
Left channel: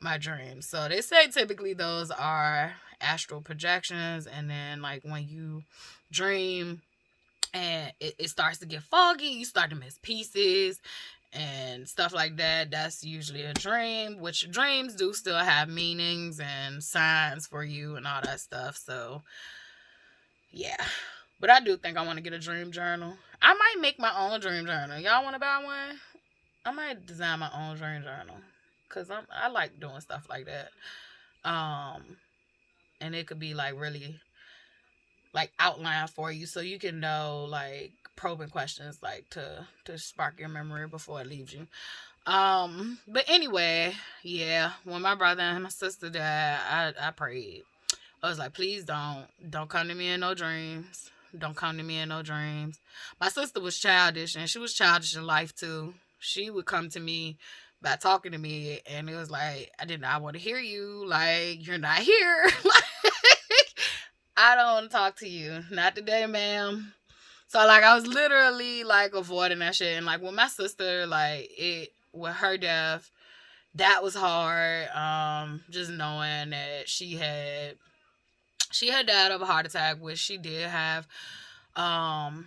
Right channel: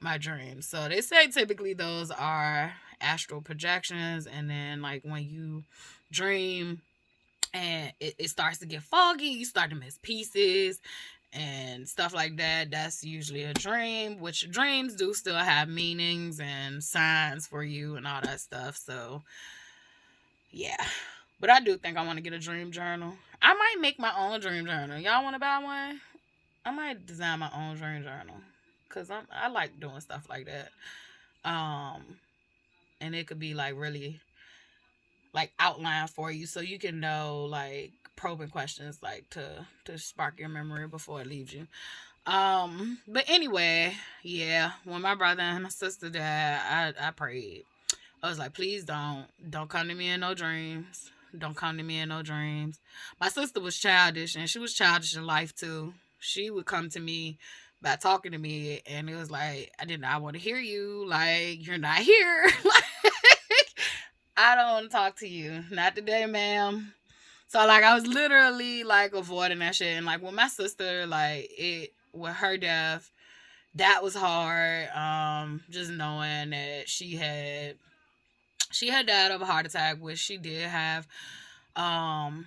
my dreams. So they say typically those are astral projections, and then like when you dream and it starts to get foggy. You start to miss pieces and stuff like that. That's usually a dream, which dreams do still have meanings and signs for you and all that stuff. So, yeah. But I do think I want to get a dream journal. I might make my own dream journal. Y'all want to buy one? I might design my own dream journal because I like doing stuff like that. Um, and it could be like really like outline for you so you can know like probing questions like to spark your memory before it leaves you. But anyway, yeah, when my brother and my sister died, I prayed. I was like, please don't come to me in no dreams. Don't come to me in no dreams. My sister was childish, and she was childish in life too. She would come to me by talking to me, and it was like, I did not want to hear you. Like, you're not here. I don't want to talk to you. Not today, ma'am. So like I was literally like avoiding that shit. And like with my sister, like it with her death, that was hard. Just knowing that she had died of a heart attack, which she did have um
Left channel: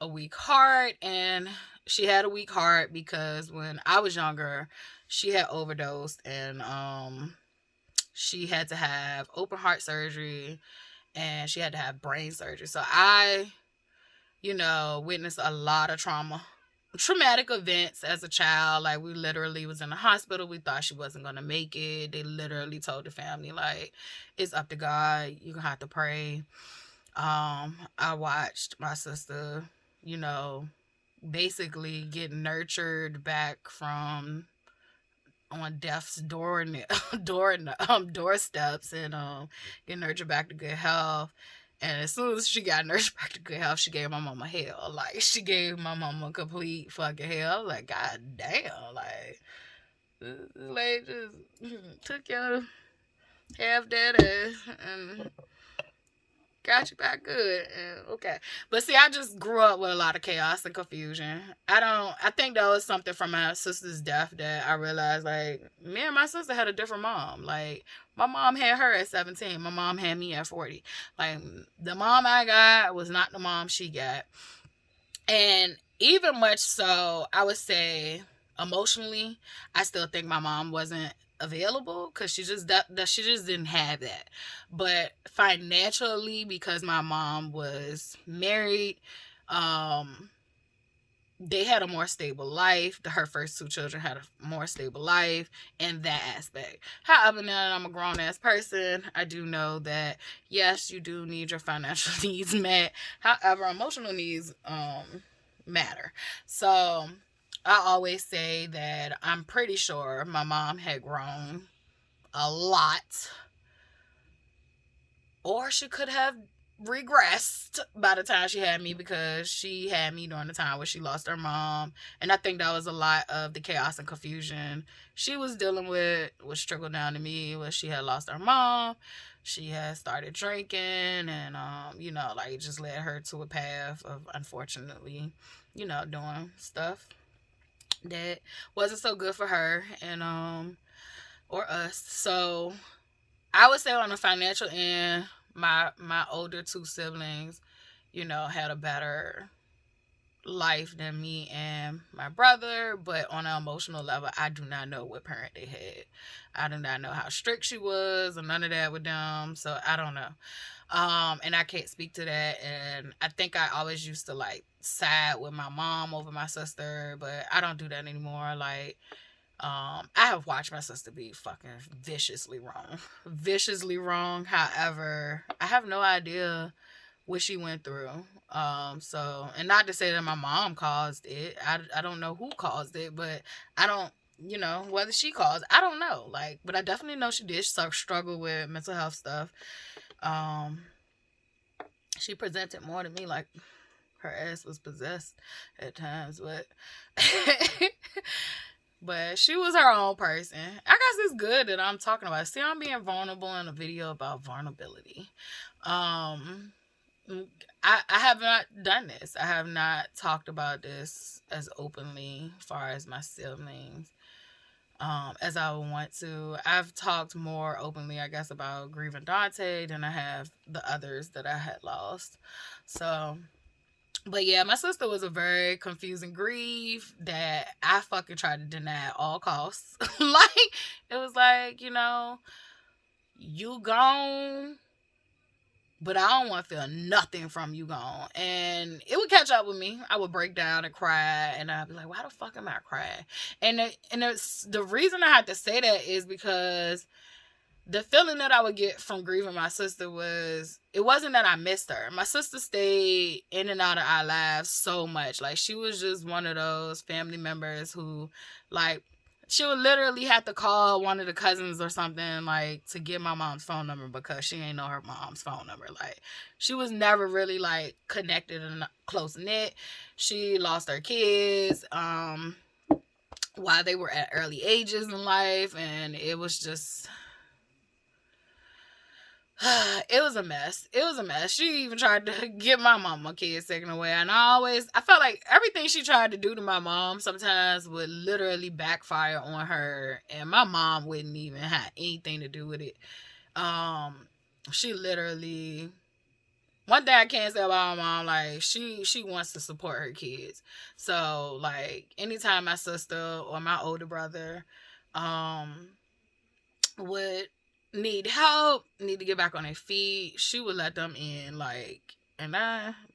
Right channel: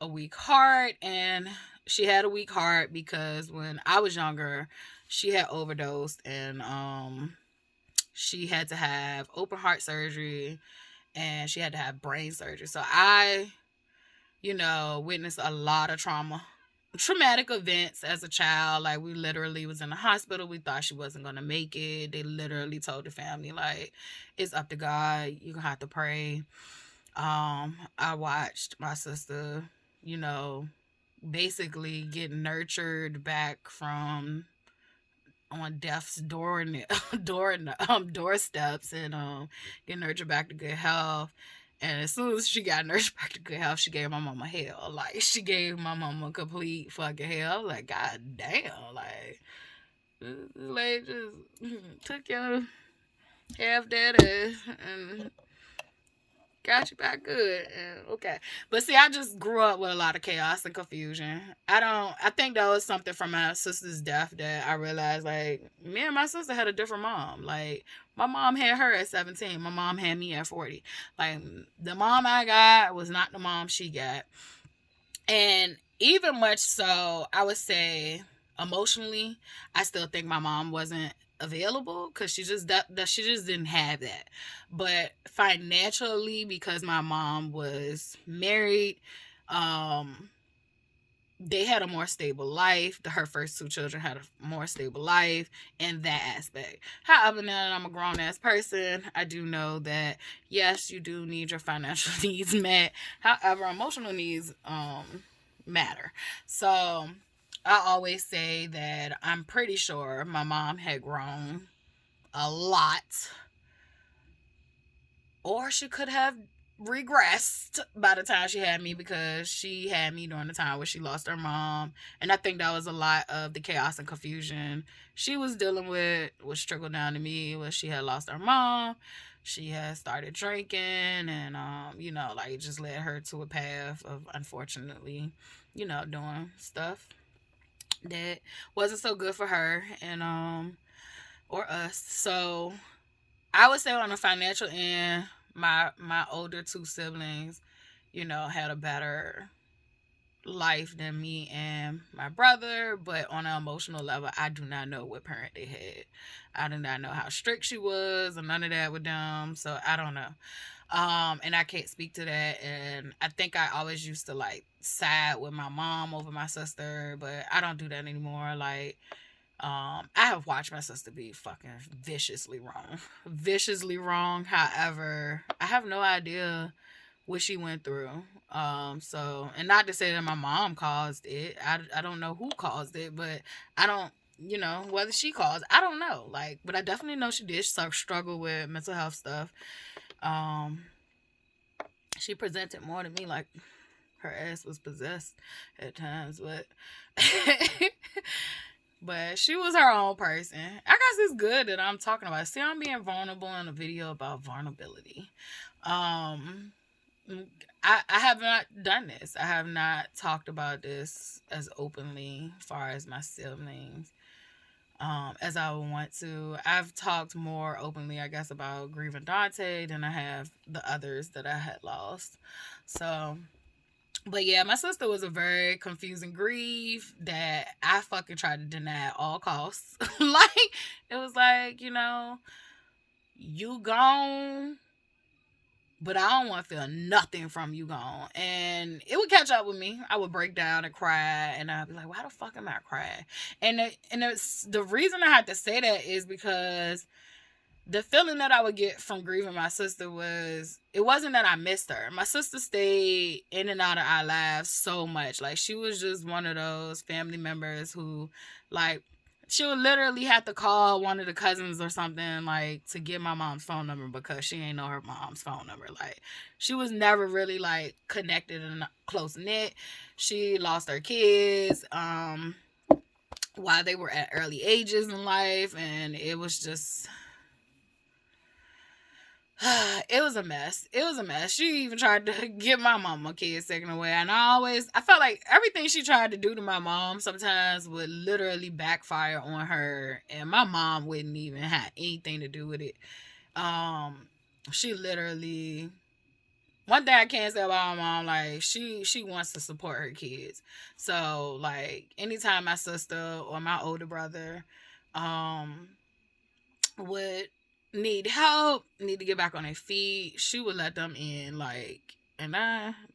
a weak heart, and she had a weak heart because when I was younger, she had overdosed, and she had to have open heart surgery, and she had to have brain surgery. So I, witnessed a lot of traumatic events as a child. Like we literally was in the hospital. We thought she wasn't gonna make it. They literally told the family like, it's up to God. You gonna have to pray. I watched my sister, basically get nurtured back from on death's doorsteps, and get nurtured back to good health. And as soon as she got nurtured back to good health, she gave my mama hell. Like she gave my mama complete fucking hell. I was like, God damn, like this lady just took your half dead ass and got you back good. And okay. But see, I just grew up with a lot of chaos and confusion. I think that was something from my sister's death that I realized, like, me and my sister had a different mom. Like, my mom had her at 17. My mom had me at 40. Like, the mom I got was not the mom she got. And even much so, I would say emotionally, I still think my mom wasn't available because she just didn't have that. But financially, because my mom was married, um they had a more stable life. Her first two children had a more stable life in that aspect. However, now that I'm a grown ass person, I do know that yes, you do need your financial needs met. However, emotional needs matter. So I always say that I'm pretty sure my mom had grown a lot, or she could have regressed by the time she had me, because she had me during the time where she lost her mom. And I think that was a lot of the chaos and confusion she was dealing with, which trickled down to me when she had lost her mom. She had started drinking, and like it just led her to a path of, unfortunately, doing stuff that wasn't so good for her and or us. So I would say on the financial end, my older two siblings, had a better life than me and my brother. But on an emotional level, I do not know what parent they had. I do not know how strict she was or none of that with them. So I don't know. And I can't speak to that. And I think I always used to like side with my mom over my sister, but I don't do that anymore. Like, I have watched my sister be fucking viciously wrong. Viciously wrong. However, I have no idea what she went through. So, and not to say that my mom caused it. I don't know who caused it, but I don't, whether she caused, I don't know. Like, but I definitely know she did struggle with mental health stuff. She presented more to me like her ass was possessed at times, but but she was her own person. I guess it's good that I'm talking about it. See, I'm being vulnerable in a video about vulnerability. I have not done this. I have not talked about this as openly as far as my siblings as I would want to. I've talked more openly, I guess, about grieving Dante than I have the others that I had lost. So But yeah, my sister was a very confusing grief that I fucking tried to deny at all costs. Like, it was like, you gone, but I don't want to feel nothing from you gone. And it would catch up with me. I would break down and cry, and I'd be like, why the fuck am I crying? And the reason I had to say that is because the feeling that I would get from grieving my sister it wasn't that I missed her. My sister stayed in and out of our lives so much. Like, she was just one of those family members who, like, she would literally have to call one of the cousins or something, like, to get my mom's phone number because she ain't know her mom's phone number. Like, she was never really, like, connected and close knit. She lost her kids while they were at early ages in life, and it was just it was a mess. It was a mess. She even tried to get my mama kids taken away. And I felt like everything she tried to do to my mom sometimes would literally backfire on her. And my mom wouldn't even have anything to do with it. She literally, one thing I can't say about my mom, like, she wants to support her kids. So, like, anytime my sister or my older brother, would need help, need to get back on their feet, she would let them in. Like, and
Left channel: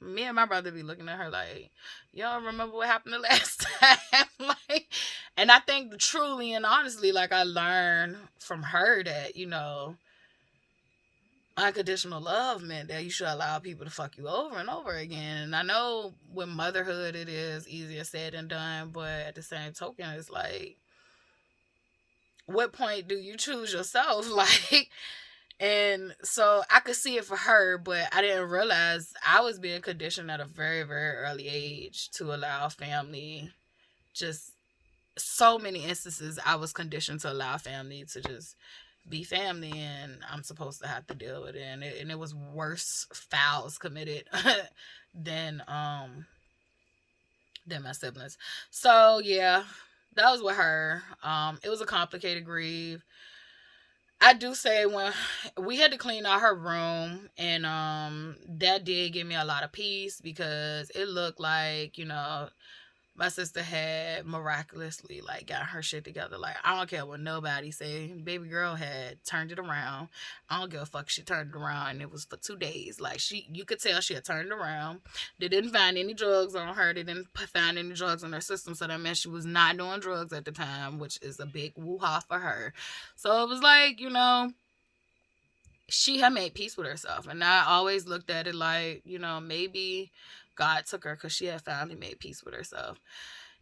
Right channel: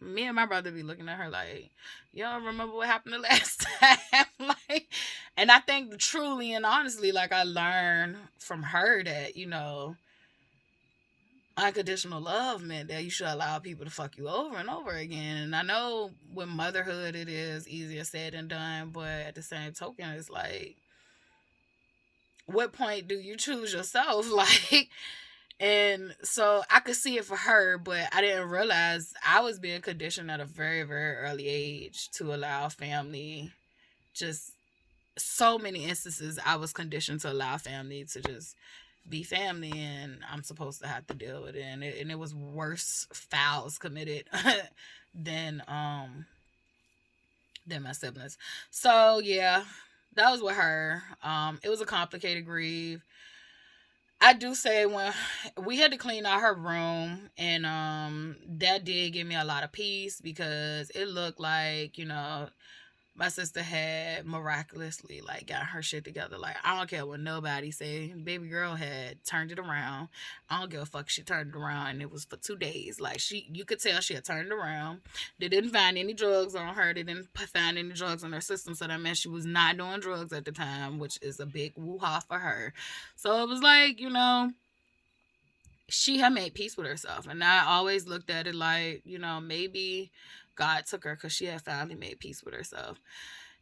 me and my brother be looking at her like, y'all remember what happened the last time? Like, and I think truly and honestly, like, I learned from her that, unconditional love meant that you should allow people to fuck you over and over again. And I know with motherhood, it is easier said than done, but at the same token, it's like, what point do you choose yourself? Like, and so I could see it for her, but I didn't realize I was being conditioned at a very, very early age to allow family. Just so many instances I was conditioned to allow family to just be family, and I'm supposed to have to deal with it. And it was worse fouls committed than my siblings. So yeah, that was with her. It was a complicated grief. I do say when we had to clean out her room, and that did give me a lot of peace because it looked like, my sister had miraculously, like, got her shit together. Like, I don't care what nobody say. Baby girl had turned it around. I don't give a fuck. She turned it around, and it was for 2 days. Like, you could tell she had turned it around. They didn't find any drugs on her. They didn't find any drugs in her system, so that meant she was not doing drugs at the time, which is a big woo-ha for her. So it was like, she had made peace with herself. And I always looked at it like, maybe God took her because she had finally made peace with herself.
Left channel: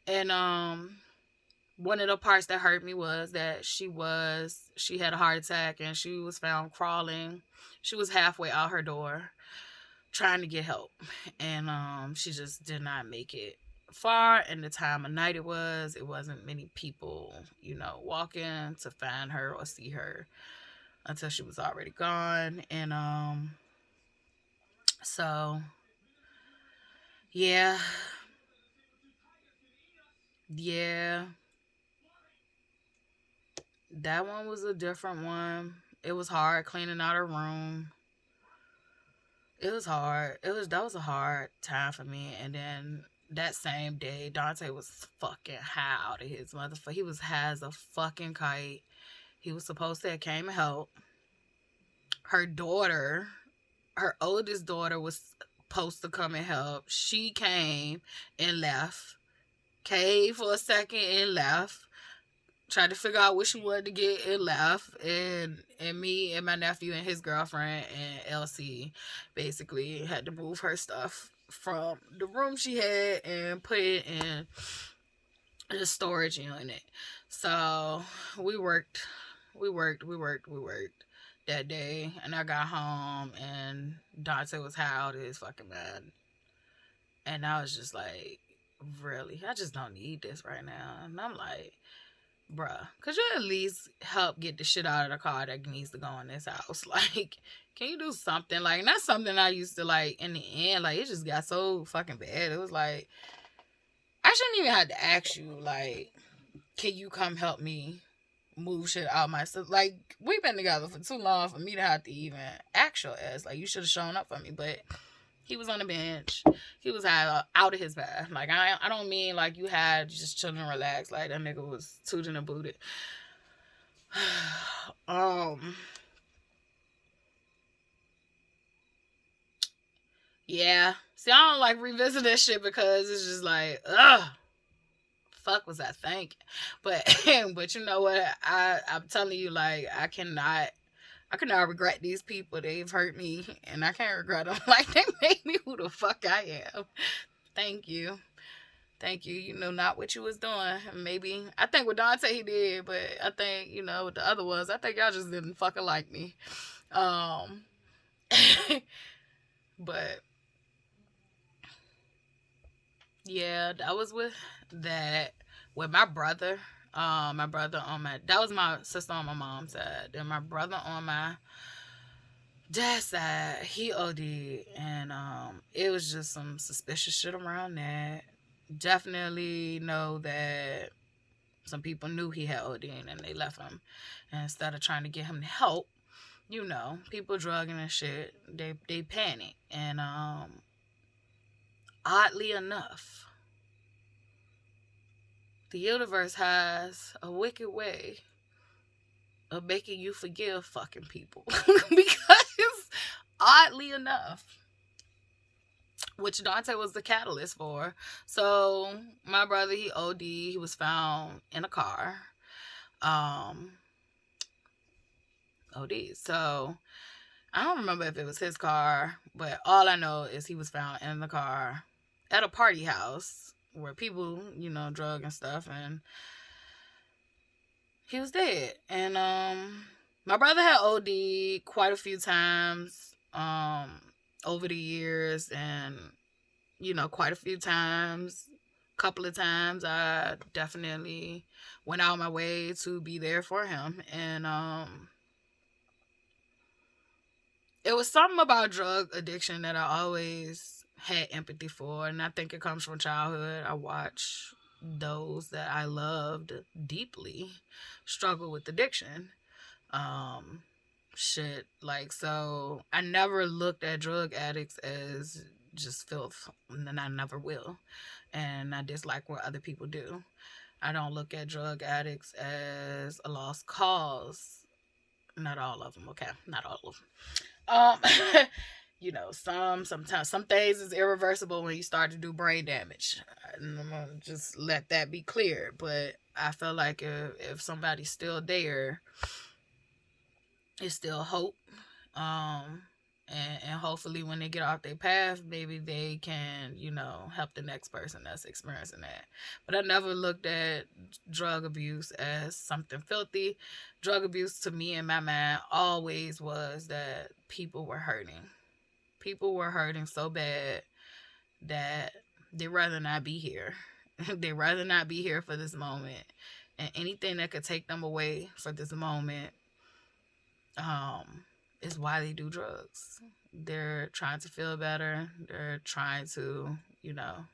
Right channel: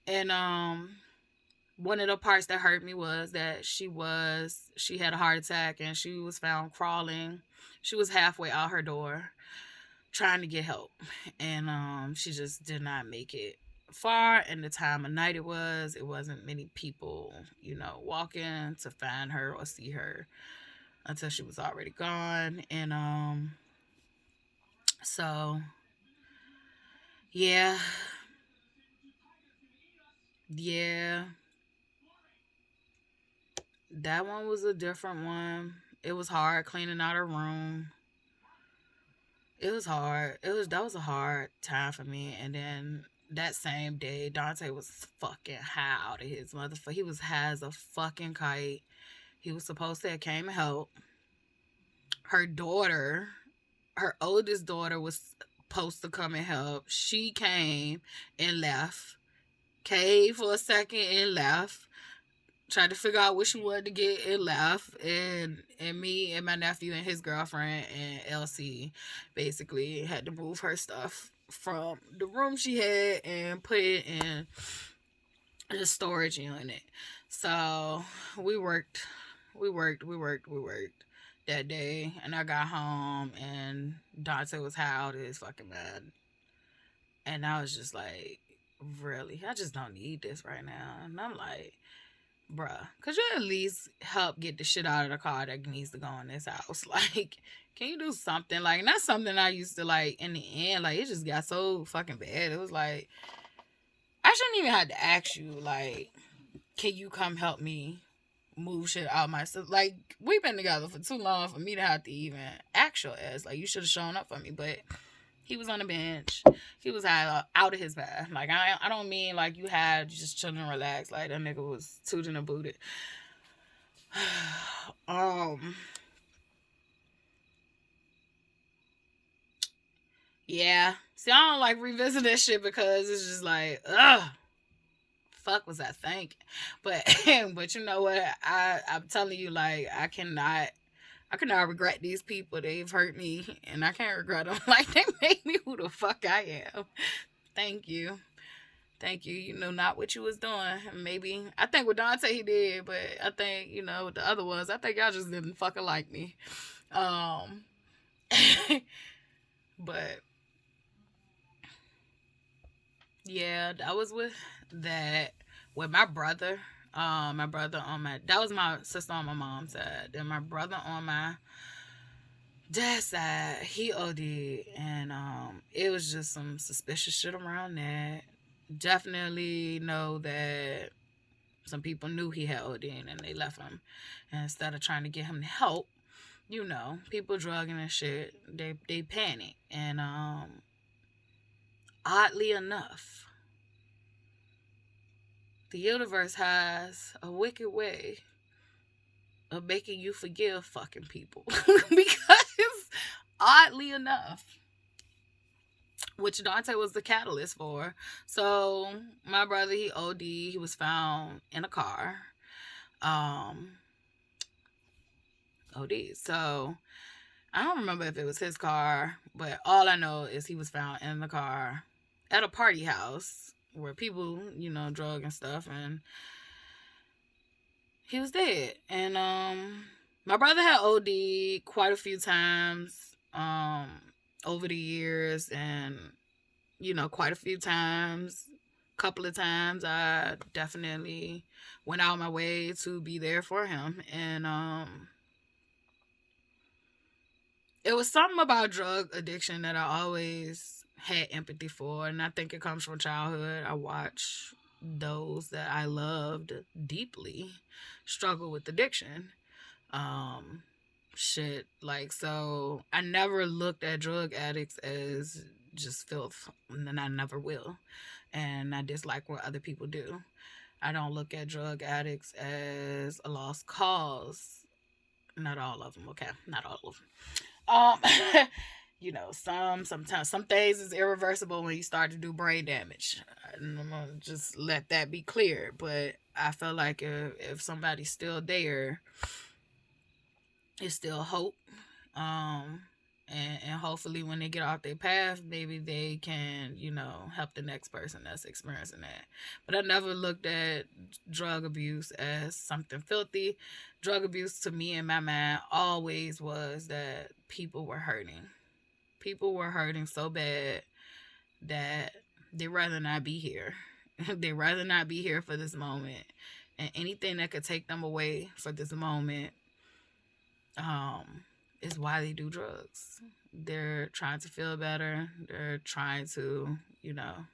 And one of the parts that hurt me was that she had a heart attack, and she was found crawling. She was halfway out her door trying to get help, and she just did not make it far. And the time of night it wasn't many people, walking to find her or see her until she was already gone. And so yeah, that one was a different one. It was hard cleaning out her room. It was hard. That was a hard time for me. And then that same day, Dante was fucking high out of his motherfucker. He was high as a fucking kite. He was supposed to have came and help. Her daughter, her oldest daughter, was supposed to come and help. She came and left. Came for a second and left. Tried to figure out what she wanted to get and left. And me and my nephew and his girlfriend and Elsie basically had to move her stuff from the room she had and put it in the storage unit. So we worked that day, and I got home and Dante was high out of his fucking bed. And I was just like, really? I just don't need this right now. And I'm like, bruh, could you at least help get the shit out of the car that needs to go in this house? Like, can you do something? Like, not something I used to, like, in the end, like, it just got so fucking bad. It was like, I shouldn't even have to ask you, like, can you come help me move shit out my stuff? Like, we've been together for too long for me to have to even ask your ass. Like, you should have shown up for me. But He was on the bench. He was out of his bath. Like, I don't mean like you had just chilling and relax. Like, that nigga was tooting and booted. um, yeah. See, I don't like revisit that shit because it's just like, ugh. Fuck was I thinking? But but you know what? I'm telling you, like, I cannot regret these people. They've hurt me, and I can't regret them. Like, they made me who the fuck I am. Thank you. Thank you. You know not what you was doing. Maybe I think with Dante he did, but I think, you know, with the other ones, I think y'all just didn't fucking like me. Um but yeah, that was with my brother. My brother on my that was my sister on my mom's side. Then my brother on my dad's side, he OD'd, and it was just some suspicious shit around that. Definitely know that some people knew he had OD and they left him. And instead of trying to get him help, you know, people drugging and shit, they panic. And oddly enough, the universe has a wicked way of making you forgive fucking people. Because oddly enough, which Dante was the catalyst for. So my brother, he OD, he was found in a car. OD. So I don't remember if it was his car, but all I know is he was found in the car at a party house where people, you know, drug and stuff, and he was dead. And my brother had OD quite a few times over the years, and you know, quite a few times, couple of times I definitely went out my way to be there for him. And it was something about drug addiction that I always had empathy for, and I think it comes from childhood. I watched those that I loved deeply struggle with addiction. Shit, like, so I never looked at drug addicts as just filth, and I never will. And I dislike what other people do. I don't look at drug addicts as a lost cause. Not all of them, okay? Not all of them. You know, sometimes some things is irreversible when you start to do brain damage. I'm gonna just let that be clear. But I feel like if somebody's still there, it's still hope. And hopefully when they get off their path, maybe they can, you know, help the next person that's experiencing that. But I never looked at drug abuse as something filthy. Drug abuse to me in my mind always was that people were hurting. People were hurting so bad that they'd rather not be here. They'd rather not be here for this moment. And anything that could take them away for this moment is why they do drugs. They're trying to feel better. They're trying to, you know,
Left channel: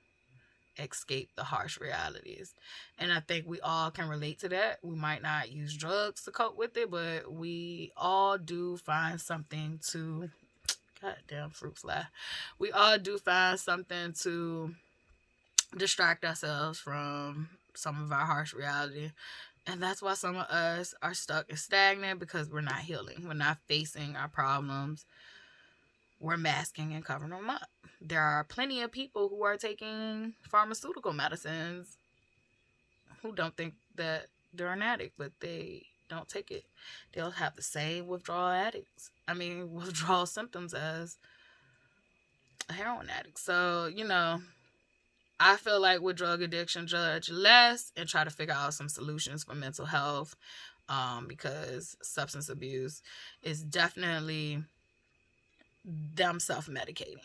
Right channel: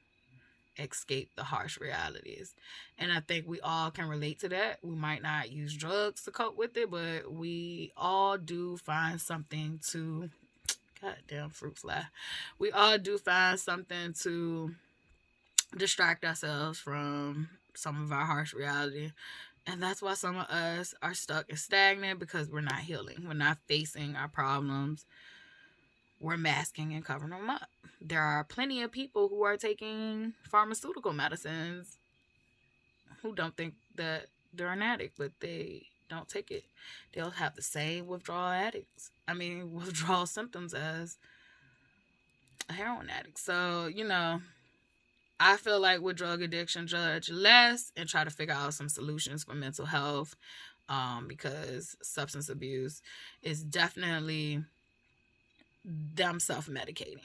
escape the harsh realities. And I think we all can relate to that. We might not use drugs to cope with it, but we all do find something to, goddamn fruit fly. We all do find something to distract ourselves from some of our harsh reality. And that's why some of us are stuck and stagnant, because we're not healing. We're not facing our problems. We're masking and covering them up. There are plenty of people who are taking pharmaceutical medicines who don't think that they're an addict, but they don't take it. They'll have the same withdrawal symptoms as a heroin addict. So, you know, I feel like with drug addiction, judge less and try to figure out some solutions for mental health, because substance abuse is definitely them self-medicating.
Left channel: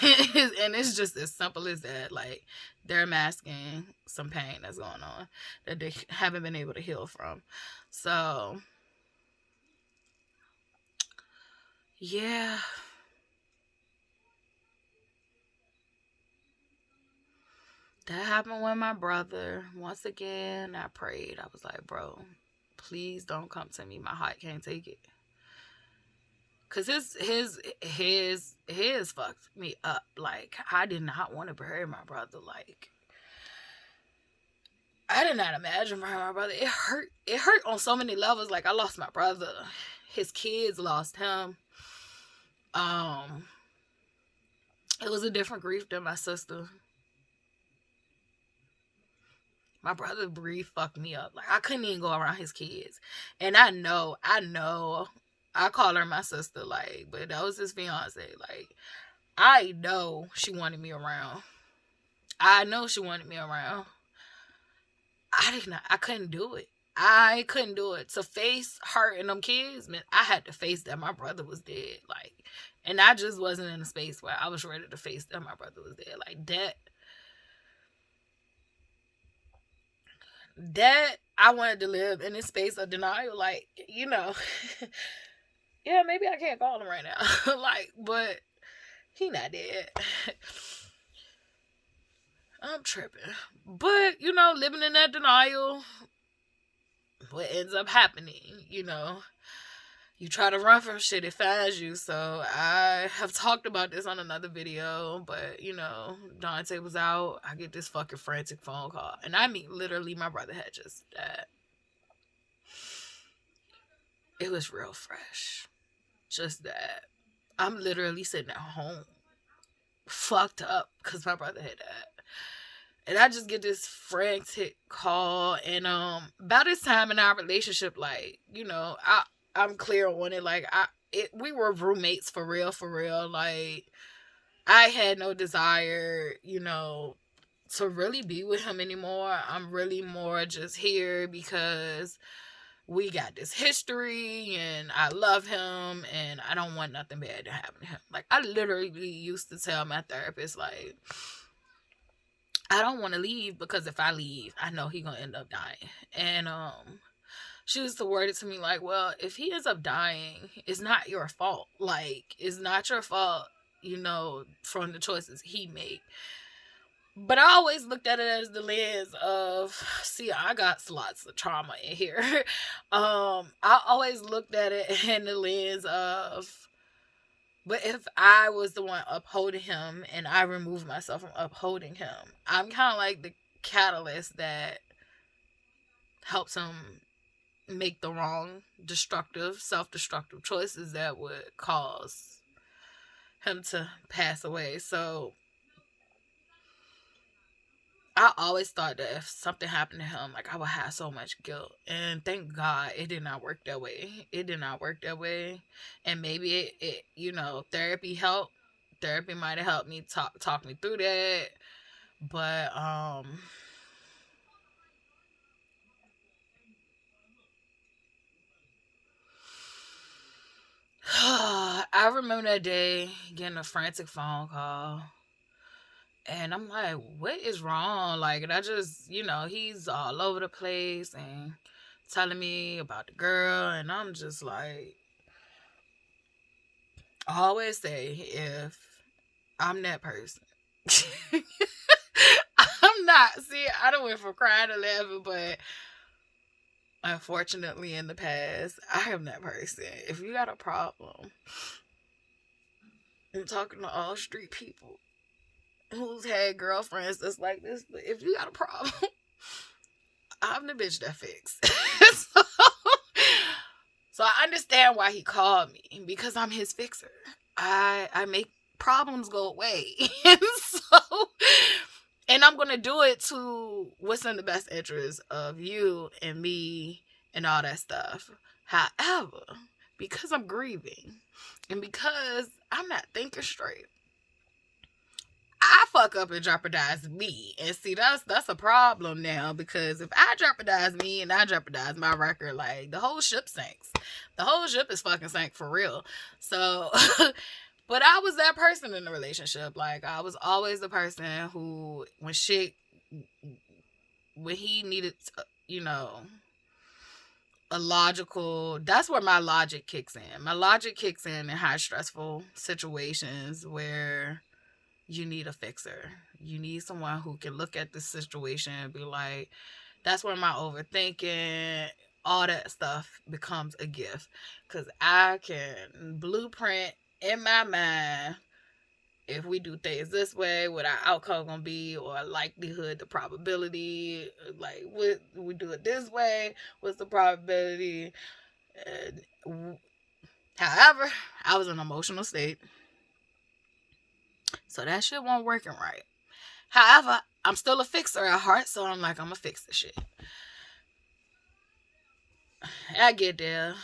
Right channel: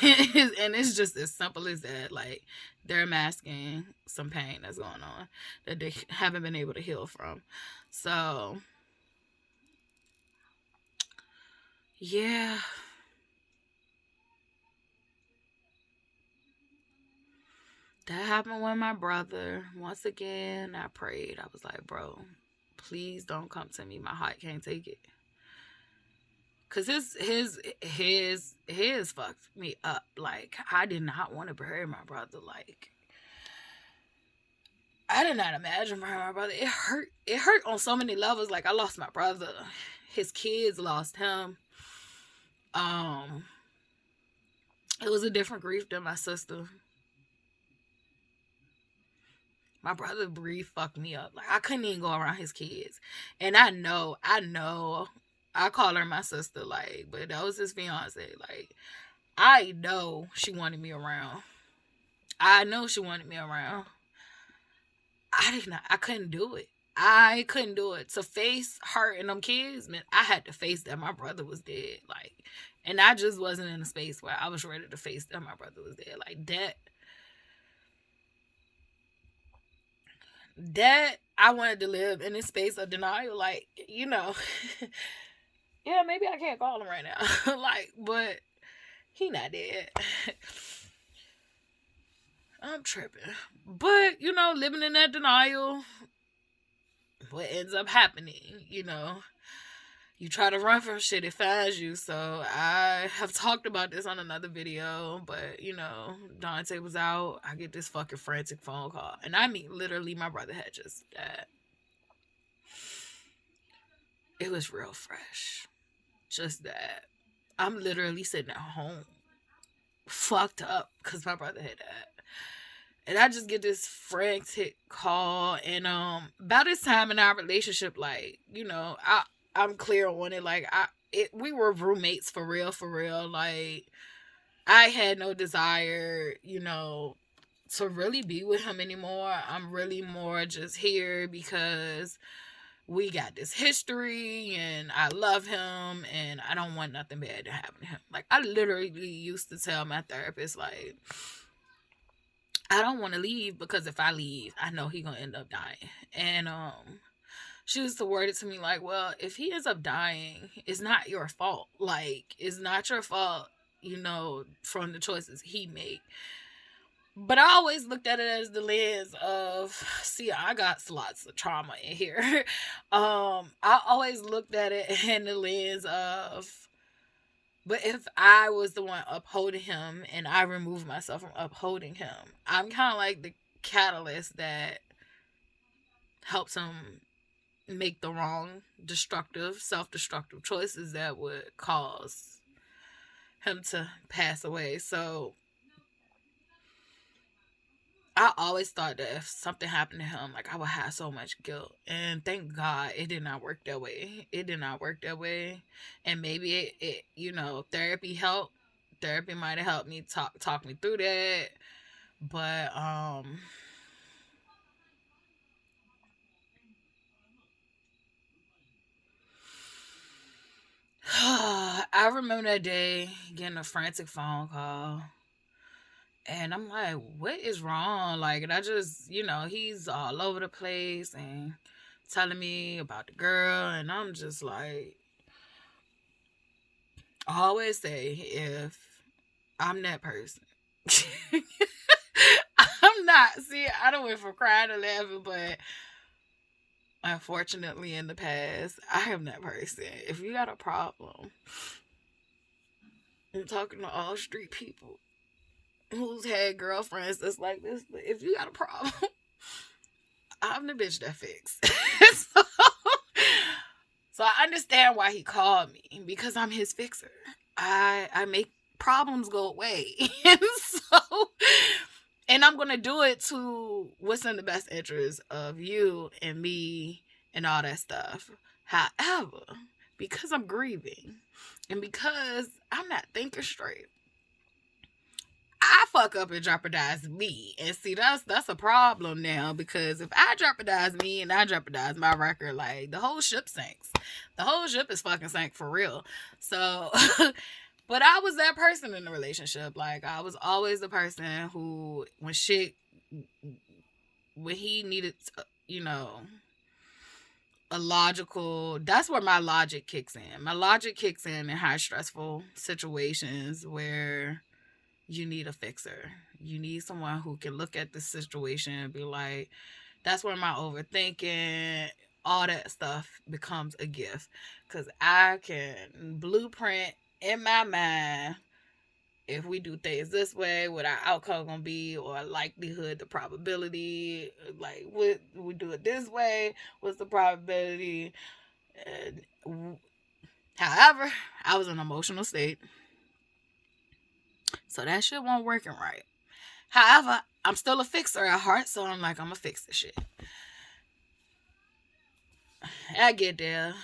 And it's just as simple as that. Like, they're masking some pain that's going on that they haven't been able to heal from. So, yeah. That happened with my brother. Once again, I prayed. I was like, bro, please don't come to me. My heart can't take it. Cause his fucked me up. Like, I did not want to bury my brother. Like, I did not imagine burying my brother. It hurt. It hurt on so many levels. Like, I lost my brother. His kids lost him. It was a different grief than my sister. My brother grief fucked me up. Like, I couldn't even go around his kids. And I know, I call her my sister, like, but that was his fiance. Like, I know she wanted me around. I know she wanted me around. I couldn't do it. I couldn't do it. To face her and them kids, man, I had to face that my brother was dead. Like, and I just wasn't in a space where I was ready to face that my brother was dead. Like, that I wanted to live in this space of denial. Like, yeah, maybe I can't call him right now. Like, but he not dead. I'm tripping. But, living in that denial, what ends up happening, you try to run from shit, it finds you. So I have talked about this on another video, but Dante was out. I get this fucking frantic phone call, and I mean, literally, my brother had just died. It was real fresh. Just that. I'm literally sitting at home, fucked up, because my brother had died. And I just get this frantic call, and about this time in our relationship, like, I'm clear on it. Like, we were roommates for real. Like, I had no desire, to really be with him anymore. I'm really more just here because we got this history, and I love him, and I don't want nothing bad to happen to him. Like, I literally used to tell my therapist, like, I don't want to leave, because if I leave, I know he's gonna end up dying. And she used to word it to me like, well, if he ends up dying, it's not your fault. Like, it's not your fault, from the choices he made. But I always looked at it as the lens of, see, I got lots of trauma in here. I always looked at it in the lens of, but if I was the one upholding him and I removed myself from upholding him, I'm kind of like the catalyst that helps him make the wrong, destructive, self-destructive choices that would cause him to pass away. So I always thought that if something happened to him, like, I would have so much guilt. And thank God it did not work that way. It did not work that way. And maybe it therapy helped. Therapy might have helped me talk me through that. But I remember that day getting a frantic phone call. And I'm like, what is wrong? Like, and I just, he's all over the place and telling me about the girl. And I'm just like, I always say, if I'm that person, I'm not. See, I don't went from crying to laughing, but unfortunately in the past, I am that person. If you got a problem, I'm talking to all street people who's had girlfriends that's like this, but if you got a problem, I'm the bitch that fix. So I understand why he called me, because I'm his fixer. I make problems go away. And I'm gonna do it to what's in the best interest of you and me and all that stuff. However, because I'm grieving and because I'm not thinking straight, I fuck up and jeopardize me. And see, that's a problem now, because if I jeopardize me and I jeopardize my record, like, the whole ship sinks. The whole ship is fucking sank for real. So, but I was that person in the relationship. Like, I was always the person who, when he needed, a logical, that's where my logic kicks in. My logic kicks in high stressful situations where you need a fixer. You need someone who can look at the situation and be like, that's where my overthinking, all that stuff becomes a gift. Because I can blueprint in my mind, if we do things this way, what our outcome gonna be, or likelihood, the probability, like what we do it this way, what's the probability. However, I was in an emotional state, so that shit wasn't working right. However, I'm still a fixer at heart, so I'm like, I'm gonna fix this shit. I get there.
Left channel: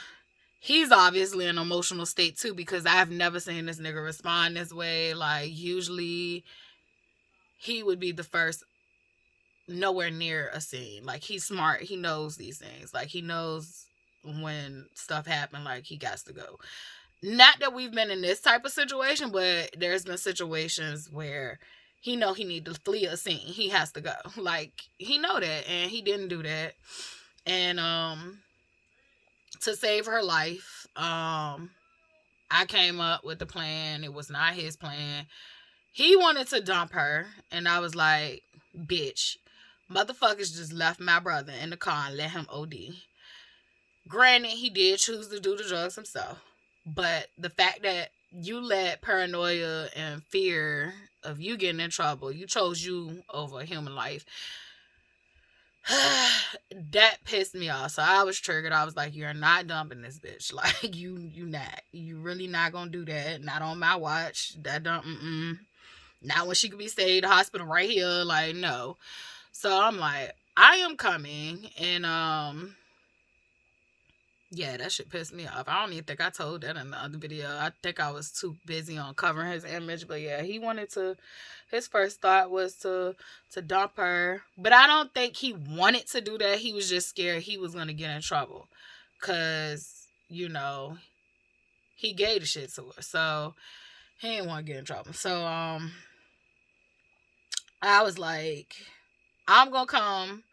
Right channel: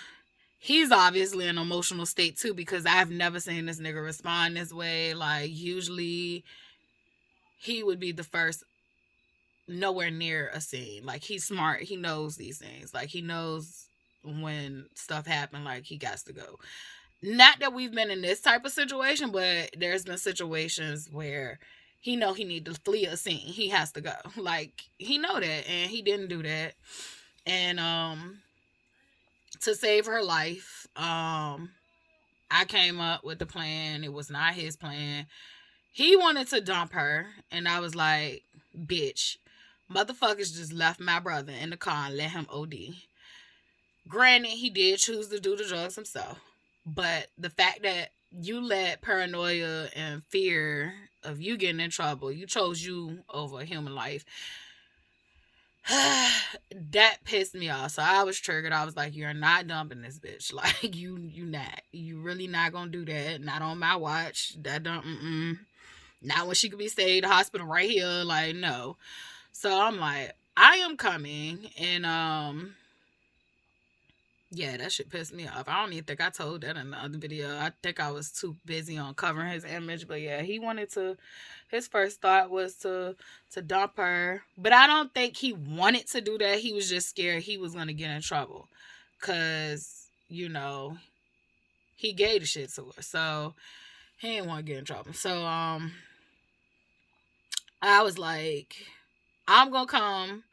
He's obviously in an emotional state too, because I've never seen this nigga respond this way. Like, usually he would be the first nowhere near a scene. Like, he's smart. He knows these things. Like, he knows when stuff happen, like, he got to go. Not that we've been in this type of situation, but there's been situations where he know he need to flee a scene. He has to go. Like, he know that, and he didn't do that. And to save her life, I came up with the plan. It was not his plan. He wanted to dump her, and I was like, bitch, motherfuckers just left my brother in the car and let him OD. Granted, he did choose to do the drugs himself, but the fact that you let paranoia and fear of you getting in trouble, you chose you over a human life, that pissed me off. So I was triggered. I was like, you're not dumping this bitch. Like, you not. You really not gonna do that. Not on my watch. That don't, not when she could be stayed in the hospital right here. Like, no. So I'm like, I am coming. And, yeah, that shit pissed me off. I don't even think I told that in the other video. I think I was too busy on covering his image. But yeah, he wanted to, his first thought was to dump her. But I don't think he wanted to do that. He was just scared he was going to get in trouble. Because, you know, he gave the shit to her. So he didn't want to get in trouble. So I was like, I'm going to come.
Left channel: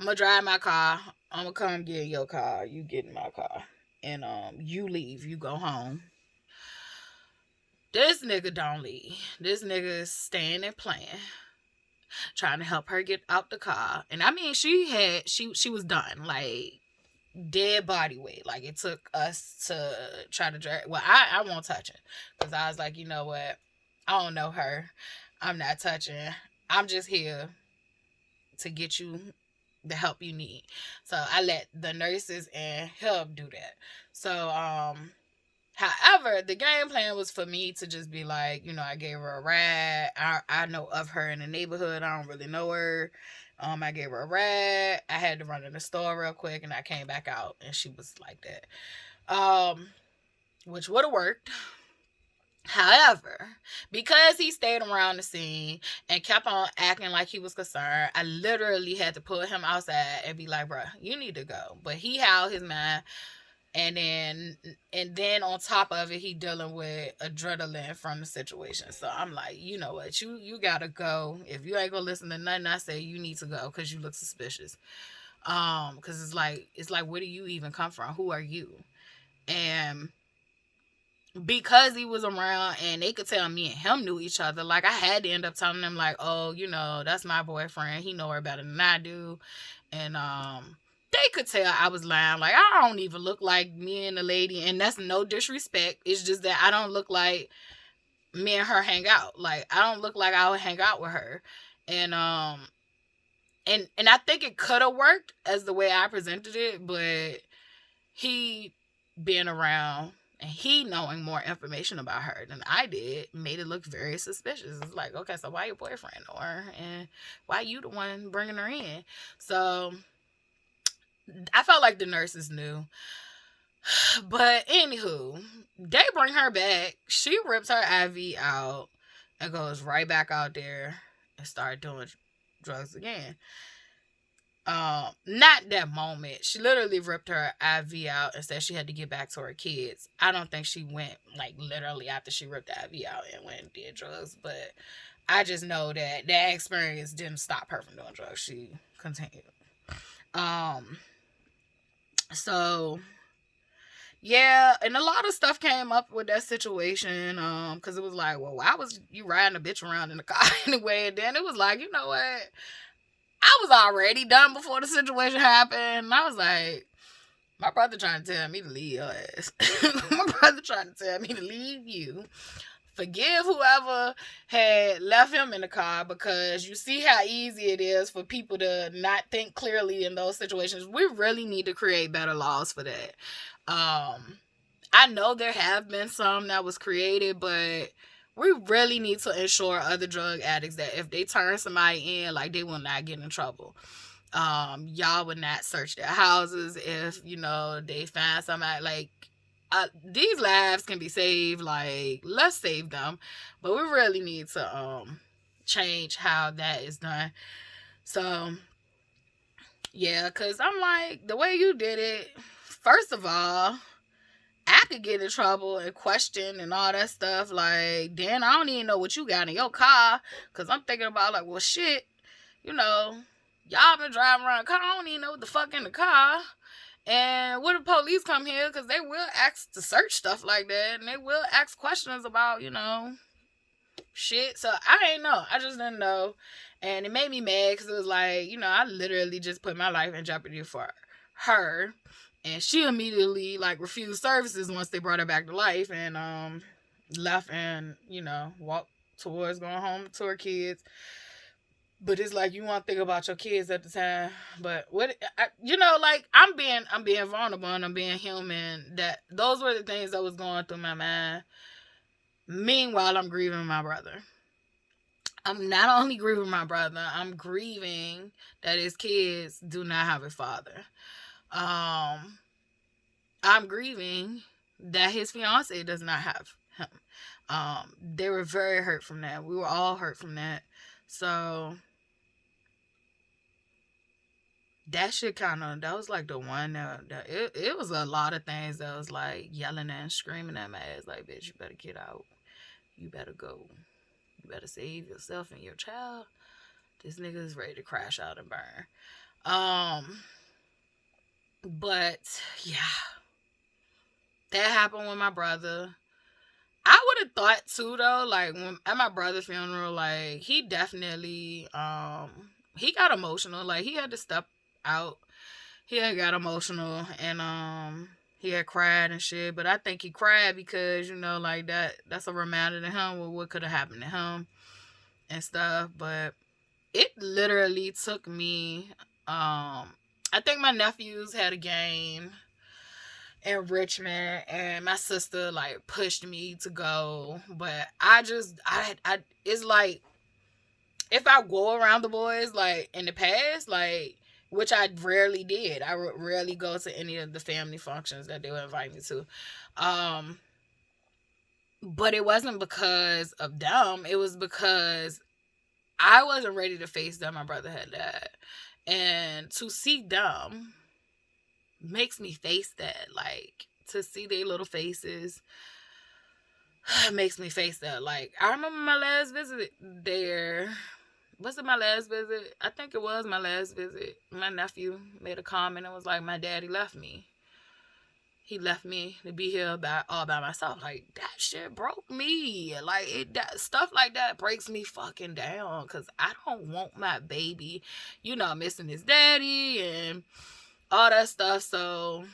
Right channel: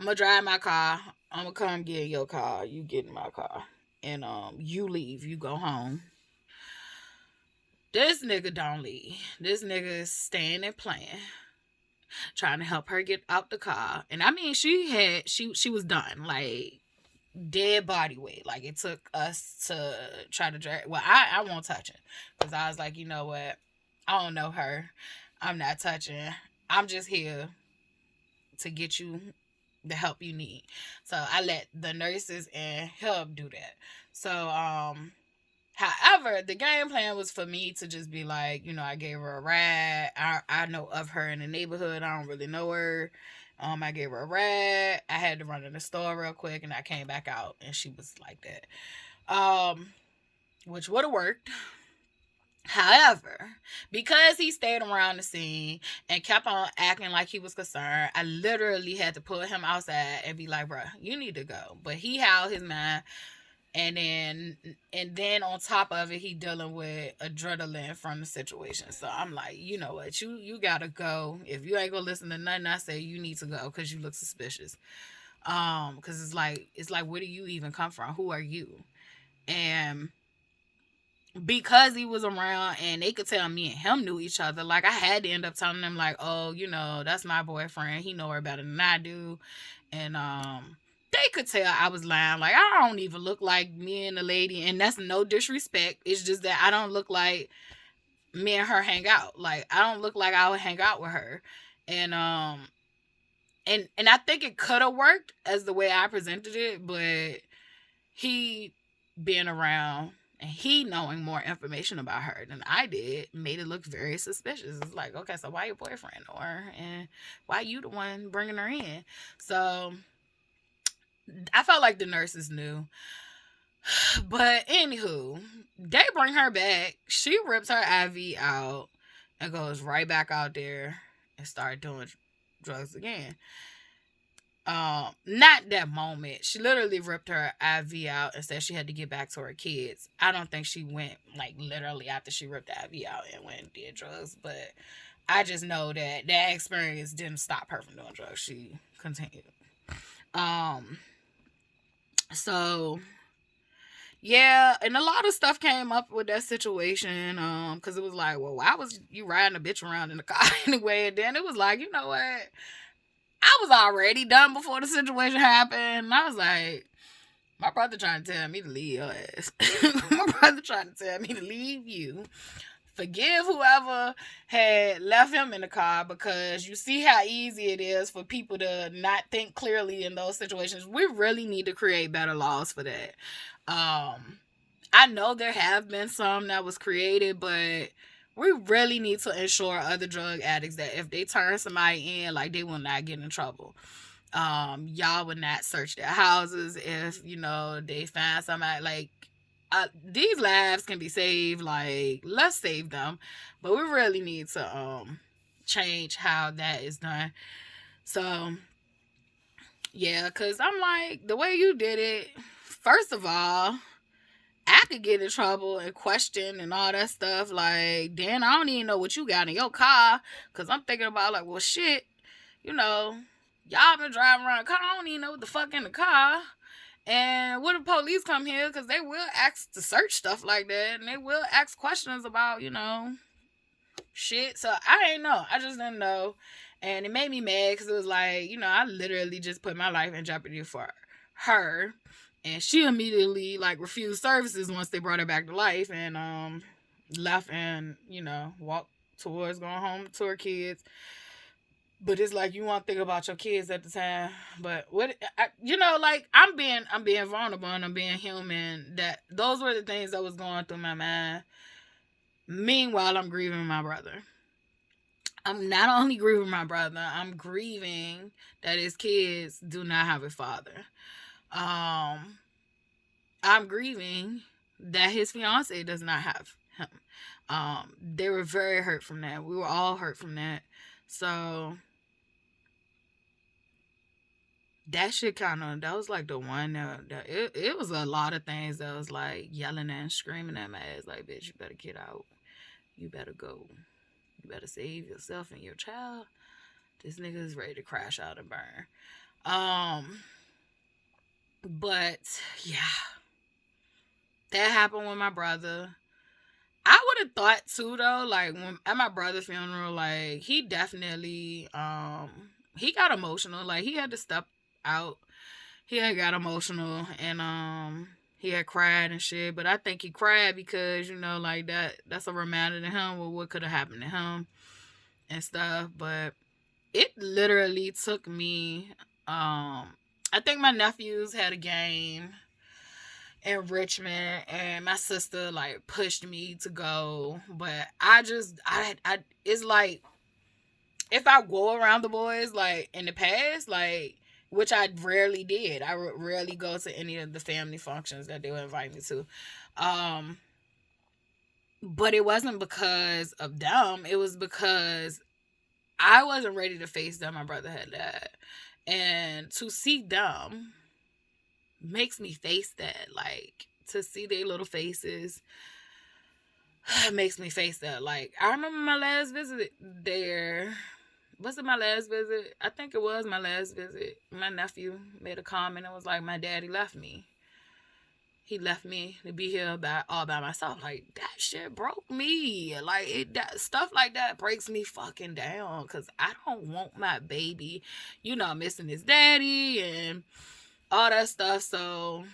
I'm going to drive my car. I'm going to come get in your car. You get in my car. And you leave. You go home. This nigga don't leave. This nigga is staying and playing. Trying to help her get out the car. And I mean, she was done. Like, dead body weight. Like, it took us to try to drag. Well, I won't touch it. Because I was like, you know what? I don't know her. I'm not touching. I'm just here to get you the help you need. So I let the nurses and help do that. So however, the game plan was for me to just be like, you know, I gave her a ride. I know of her in the neighborhood. I don't really know her. I gave her a ride. I had to run to the store real quick, and I came back out, and she was like that. Which would have worked. However, because he stayed around the scene and kept on acting like he was concerned, I literally had to pull him outside and be like, bro, you need to go. But he held his mind. And then on top of it, he dealing with adrenaline from the situation. So I'm like, you know what? You gotta go. If you ain't gonna listen to nothing I say, you need to go because you look suspicious. Because it's like, where do you even come from? Who are you? And because he was around and they could tell me and him knew each other, like, I had to end up telling them, like, oh, you know, that's my boyfriend. He know her better than I do. And they could tell I was lying. Like, I don't even look like me and the lady, and that's no disrespect. It's just that I don't look like me and her hang out. Like, I don't look like I would hang out with her. And I think it could have worked as the way I presented it, but he being around and he knowing more information about her than I did made it look very suspicious. It's like, okay, so why your boyfriend know her? And why you the one bringing her in? So I felt like the nurses knew. But anywho, they bring her back. She rips her IV out and goes right back out there and start doing drugs again. Not that moment. She literally ripped her IV out and said she had to get back to her kids. I don't think she went, like, literally after she ripped the IV out and went and did drugs, but I just know that that experience didn't stop her from doing drugs. She continued. So yeah, and a lot of stuff came up with that situation, because it was like, well, why was you riding a bitch around in the car anyway? And then it was like, you know what? I was already done before the situation happened. I was like, My brother trying to tell me to leave your ass. My brother trying to tell me to leave you. Forgive whoever had left him in the car, because you see how easy it is for people to not think clearly in those situations. We really need to create better laws for that. I know there have been some that was created, but we really need to ensure other drug addicts that if they turn somebody in, like, they will not get in trouble. Y'all would not search their houses if, they find somebody. Like, these lives can be saved. Like, let's save them. But we really need to change how that is done. So yeah, because I'm like, the way you did it, first of all, I could get in trouble and question and all that stuff. Like, Dan, I don't even know what you got in your car. Because I'm thinking about, like, well, shit, y'all been driving around the car. I don't even know what the fuck in the car. And when the police come here, because they will ask to search stuff like that. And they will ask questions about, shit. So I ain't know. I just didn't know. And it made me mad because it was like, I literally just put my life in jeopardy for her. And she immediately, like, refused services once they brought her back to life, and left and, walked towards going home to her kids. But it's like, you want to think about your kids at the time. But I'm being vulnerable and I'm being human. That those were the things that was going through my mind. Meanwhile, I'm grieving my brother. I'm not only grieving my brother, I'm grieving that his kids do not have a father. I'm grieving that his fiance does not have him. They were very hurt from that. We were all hurt from that. So that shit that was like the one that it was a lot of things that was like yelling and screaming at my ass, like, bitch, you better get out. You better go. You better save yourself and your child. This nigga is ready to crash out and burn. But yeah, that happened with my brother. I would have thought too, though, like, when at my brother's funeral, like, he definitely he got emotional. Like, he had to step out. He had got emotional, and he had cried and shit. But I think he cried because, like, that's a reminder to him of what could have happened to him and stuff. But it literally took me, I think my nephews had a game in Richmond, and my sister, like, pushed me to go. But I it's like, if I go around the boys, like, in the past, like, which I rarely did. I would rarely go to any of the family functions that they would invite me to. But it wasn't because of them. It was because I wasn't ready to face that my brother had died. And to see them makes me face that. Like, to see their little faces makes me face that. Like, I remember my last visit there. Was it my last visit? I think it was my last visit. My nephew made a comment and was like, my daddy left me. He left me to be here all by myself. Like, that shit broke me. Like, stuff like that breaks me fucking down. Because I don't want my baby, missing his daddy and all that stuff. So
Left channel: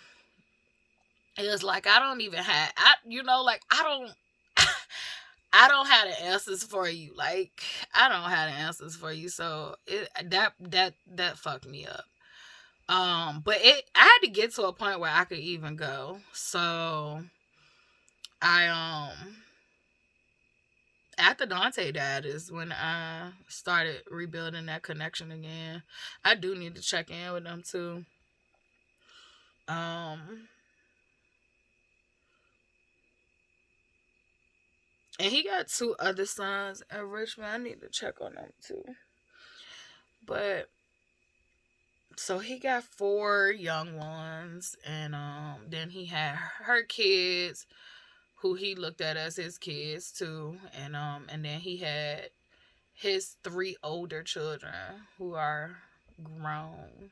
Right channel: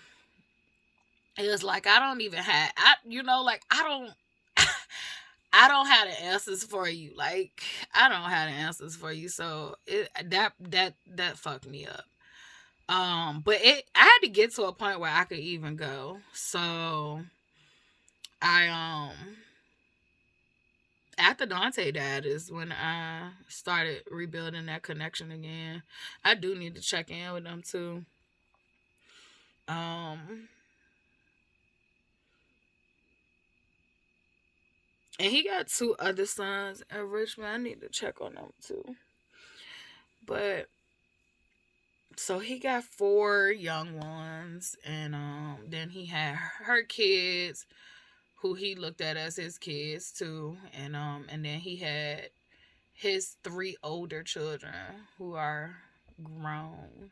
it was like, I don't even have, I don't have the answers for you. Like, I don't have the answers for you. So that fucked me up. But I had to get to a point where I could even go. So I after Dante died is when I started rebuilding that connection again. I do need to check in with them too. And he got 2 other sons in Richmond. I need to check on them too. But so he got 4 young ones, and then he had her kids, who he looked at as his kids too, and then he had his 3 older children who are grown.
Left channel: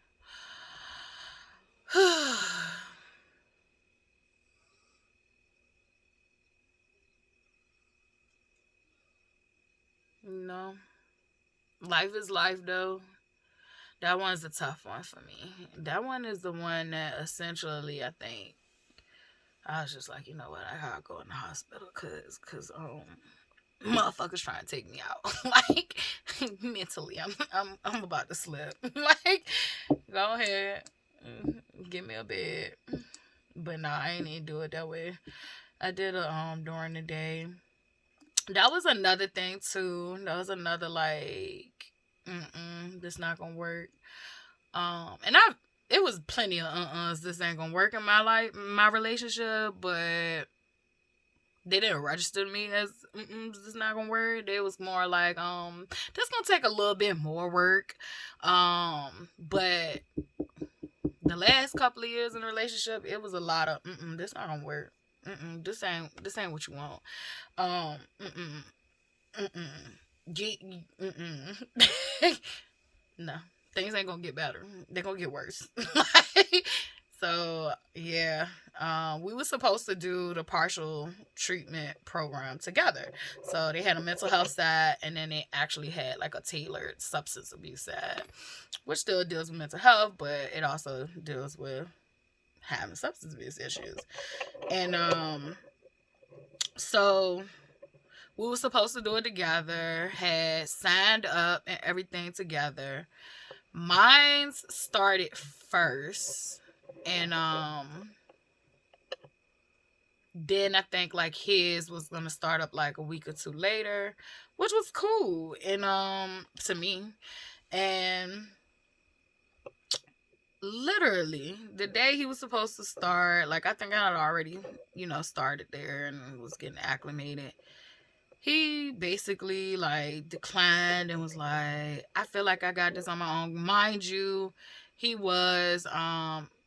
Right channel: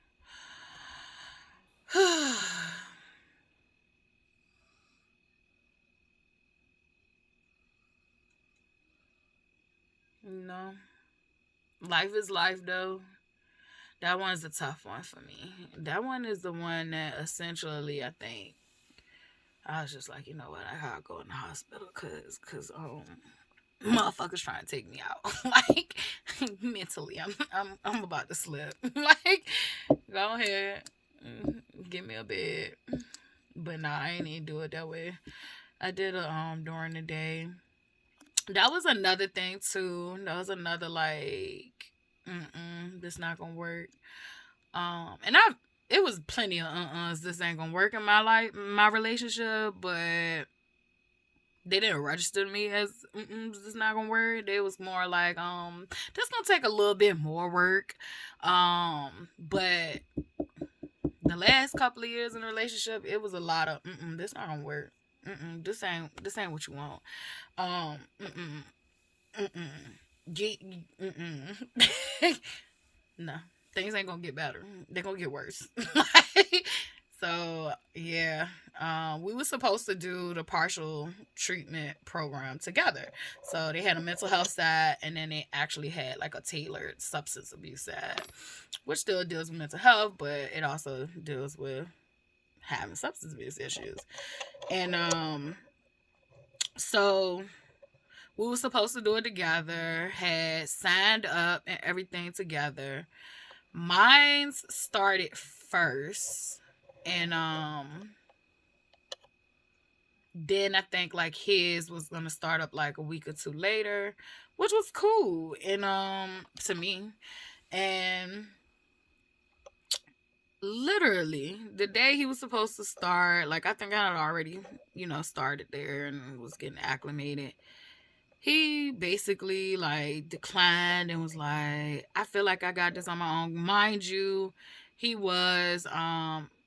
Life is life, though. That one's a tough one for me. That one is the one that essentially I think I was just like, you know what, I gotta go in the hospital cause motherfuckers trying to take me out. Like mentally, I'm about to slip. Like, go ahead, give me a bed. But nah, I ain't even do it that way. I did it during the day. That was another thing too. That was another like, this not gonna work. And it was plenty of this ain't gonna work in my life, my relationship, but they didn't register me as this not gonna work. It was more like this gonna take a little bit more work. But the last couple of years in the relationship, it was a lot of this not gonna work. This ain't what you want. Um, mm-mm, no, things ain't gonna get better. They're gonna get worse. So yeah, we were supposed to do the partial treatment program together. So they had a mental health side, and then they actually had like a tailored substance abuse side, which still deals with mental health, but it also deals with having substance abuse issues. And so we were supposed to do it together, had signed up and everything together. Mine's started first, and then I think like his was gonna start up like a week or two later, which was cool and to me. And literally the day he was supposed to start, like I think I had already, started there and was getting acclimated. He basically like declined and was like, I feel like I got this on my own. Mind you, he was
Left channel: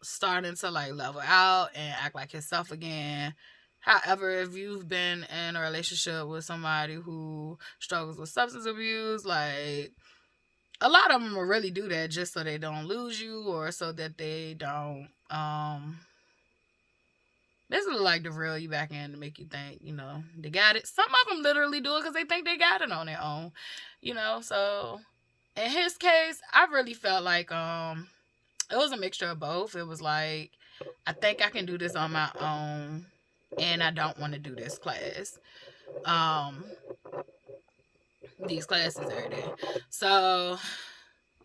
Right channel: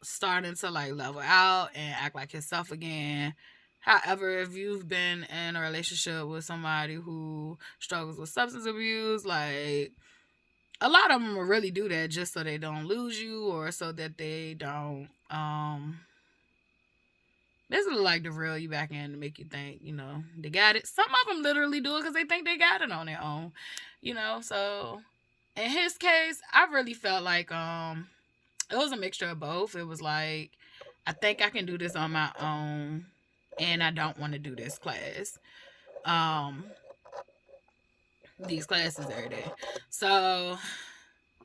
starting to like level out and act like himself again. However, if you've been in a relationship with somebody who struggles with substance abuse, like a lot of them will really do that just so they don't lose you or so that they don't basically like to reel you back in to make you think, they got it. Some of them literally do it because they think they got it on their own, so in his case, I really felt like it was a mixture of both. It was like, I think I can do this on my own and I don't want to do this class. These classes every day. So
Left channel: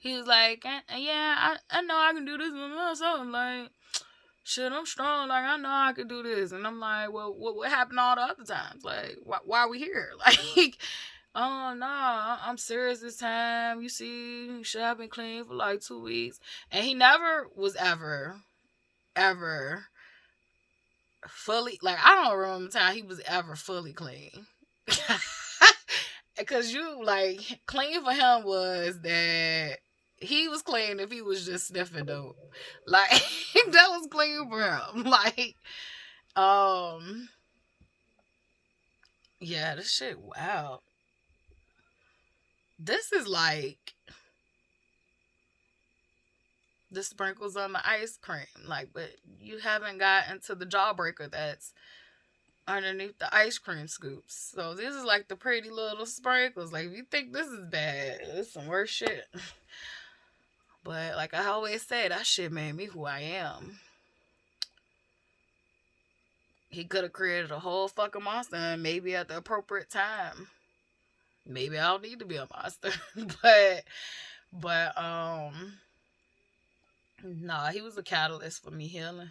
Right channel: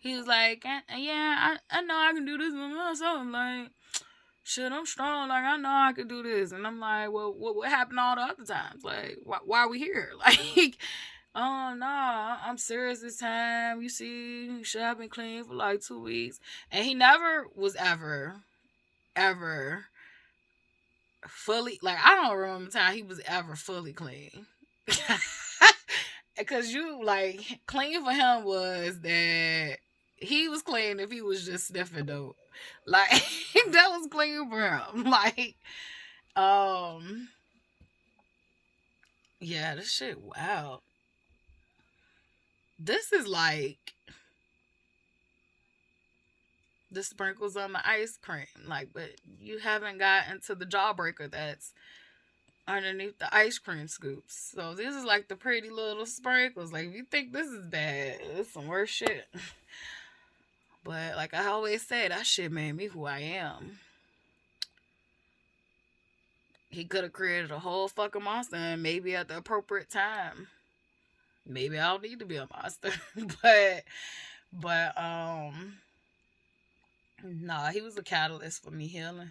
he was like, yeah, I know I can do this with myself. I'm like, shit, I'm strong. Like, I know I can do this. And I'm like, well, what happened all the other times? Like, why are we here? Like, oh, nah, I'm serious this time. You see, shit, I've been clean for like 2 weeks. And he never was ever fully, like, I don't remember the time he was ever fully clean. Because like, clean for him was that he was clean if he was just sniffing dope. Like, that was clean for him. Like, yeah, this shit, wow. This is like the sprinkles on the ice cream. Like, but you haven't gotten to the jawbreaker that's underneath the ice cream scoops. So this is like the pretty little sprinkles. Like, if you think this is bad, it's some worse shit. But like I always say, that shit made me who I am. He could have created a whole fucking monster, and maybe at the appropriate time, maybe I don't need to be a monster. but nah, he was a catalyst for me healing.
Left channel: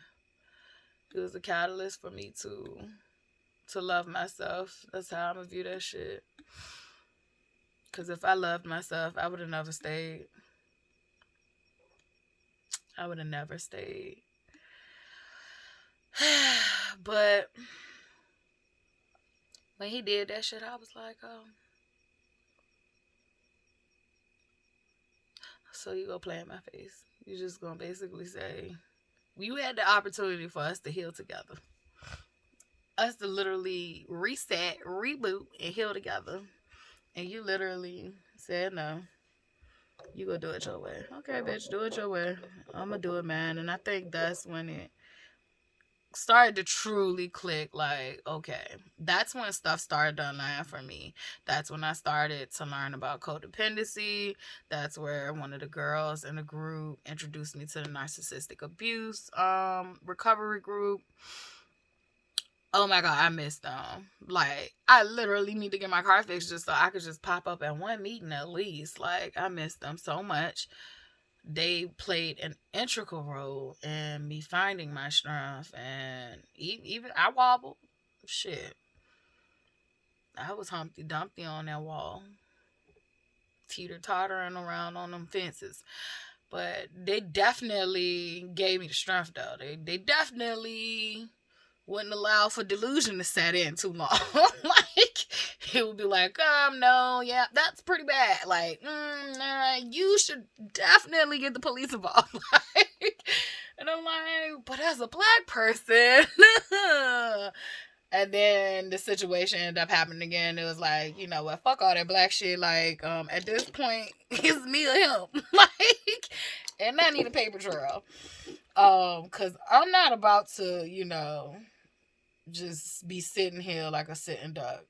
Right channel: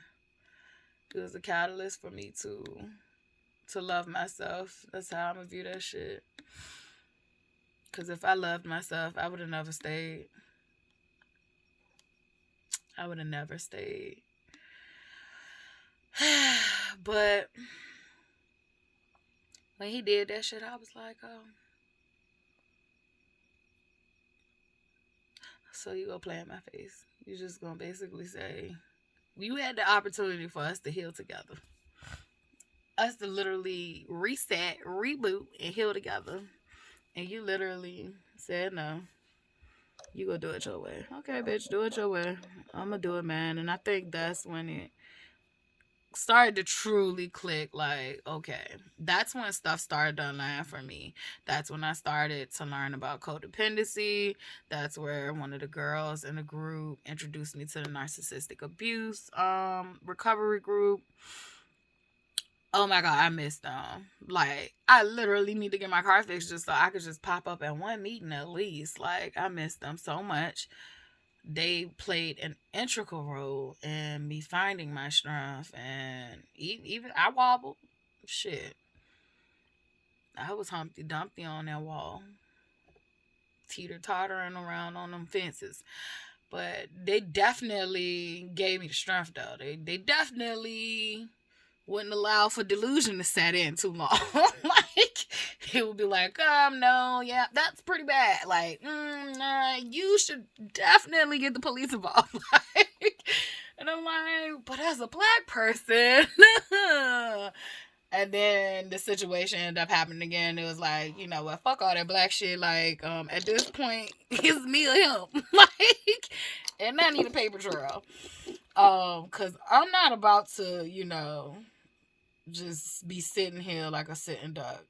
He was a catalyst for me to love myself. That's how I'm gonna view that shit. Cause if I loved myself, I would have never stayed. I would have never stayed. But when he did that shit, I was like, oh. So you gonna play in my face. You just gonna basically say, you had the opportunity for us to heal together. Us to literally reset, reboot, and heal together. And you literally said no. You gonna do it your way. Okay, bitch, do it your way. I'm gonna do it, man. And I think that's when it started to truly click, like, okay, that's when stuff started to align for me. That's when I started to learn about codependency. That's where one of the girls in the group introduced me to the narcissistic abuse recovery group. Oh my god, I miss them. Like, I literally need to get my car fixed just so I could just pop up at one meeting at least. Like, I miss them so much. They played an integral role in me finding my strength, and even I wobbled. Shit, I was Humpty Dumpty on that wall, teeter tottering around on them fences. But they definitely gave me the strength, though. They definitely wouldn't allow for delusion to set in too long. Like, it would be like, no, yeah, that's pretty bad. Like, nah, you should definitely get the police involved. Like, and I'm like, but as a black person. And then the situation ended up happening again. It was like, you know what, fuck all that black shit. Like, at this point, it's me or him. Like, and I need a paper trail. Cause I'm not about to, just be sitting here like a sitting duck.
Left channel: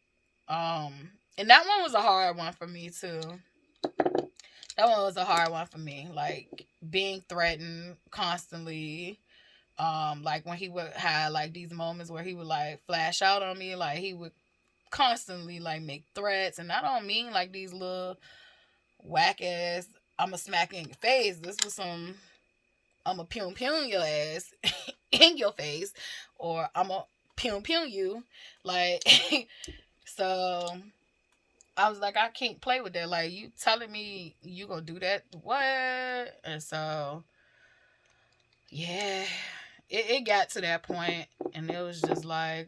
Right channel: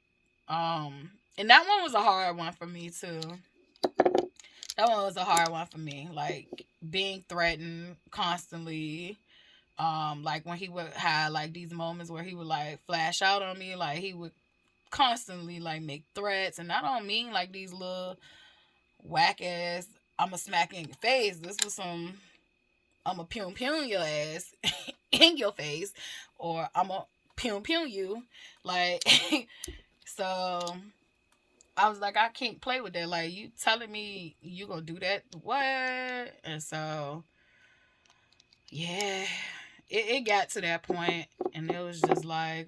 And that one was a hard one for me too. That one was a hard one for me. Like, being threatened constantly. Like when he would have like these moments where he would like flash out on me, like he would constantly like make threats, and I don't mean like these little whack ass I'ma smack in your face. This was some I'ma pew your ass in your face, or I'ma pew you. Like, so I was like, I can't play with that. Like, you telling me you gonna do that? What? And so, yeah, it got to that point, and it was just like,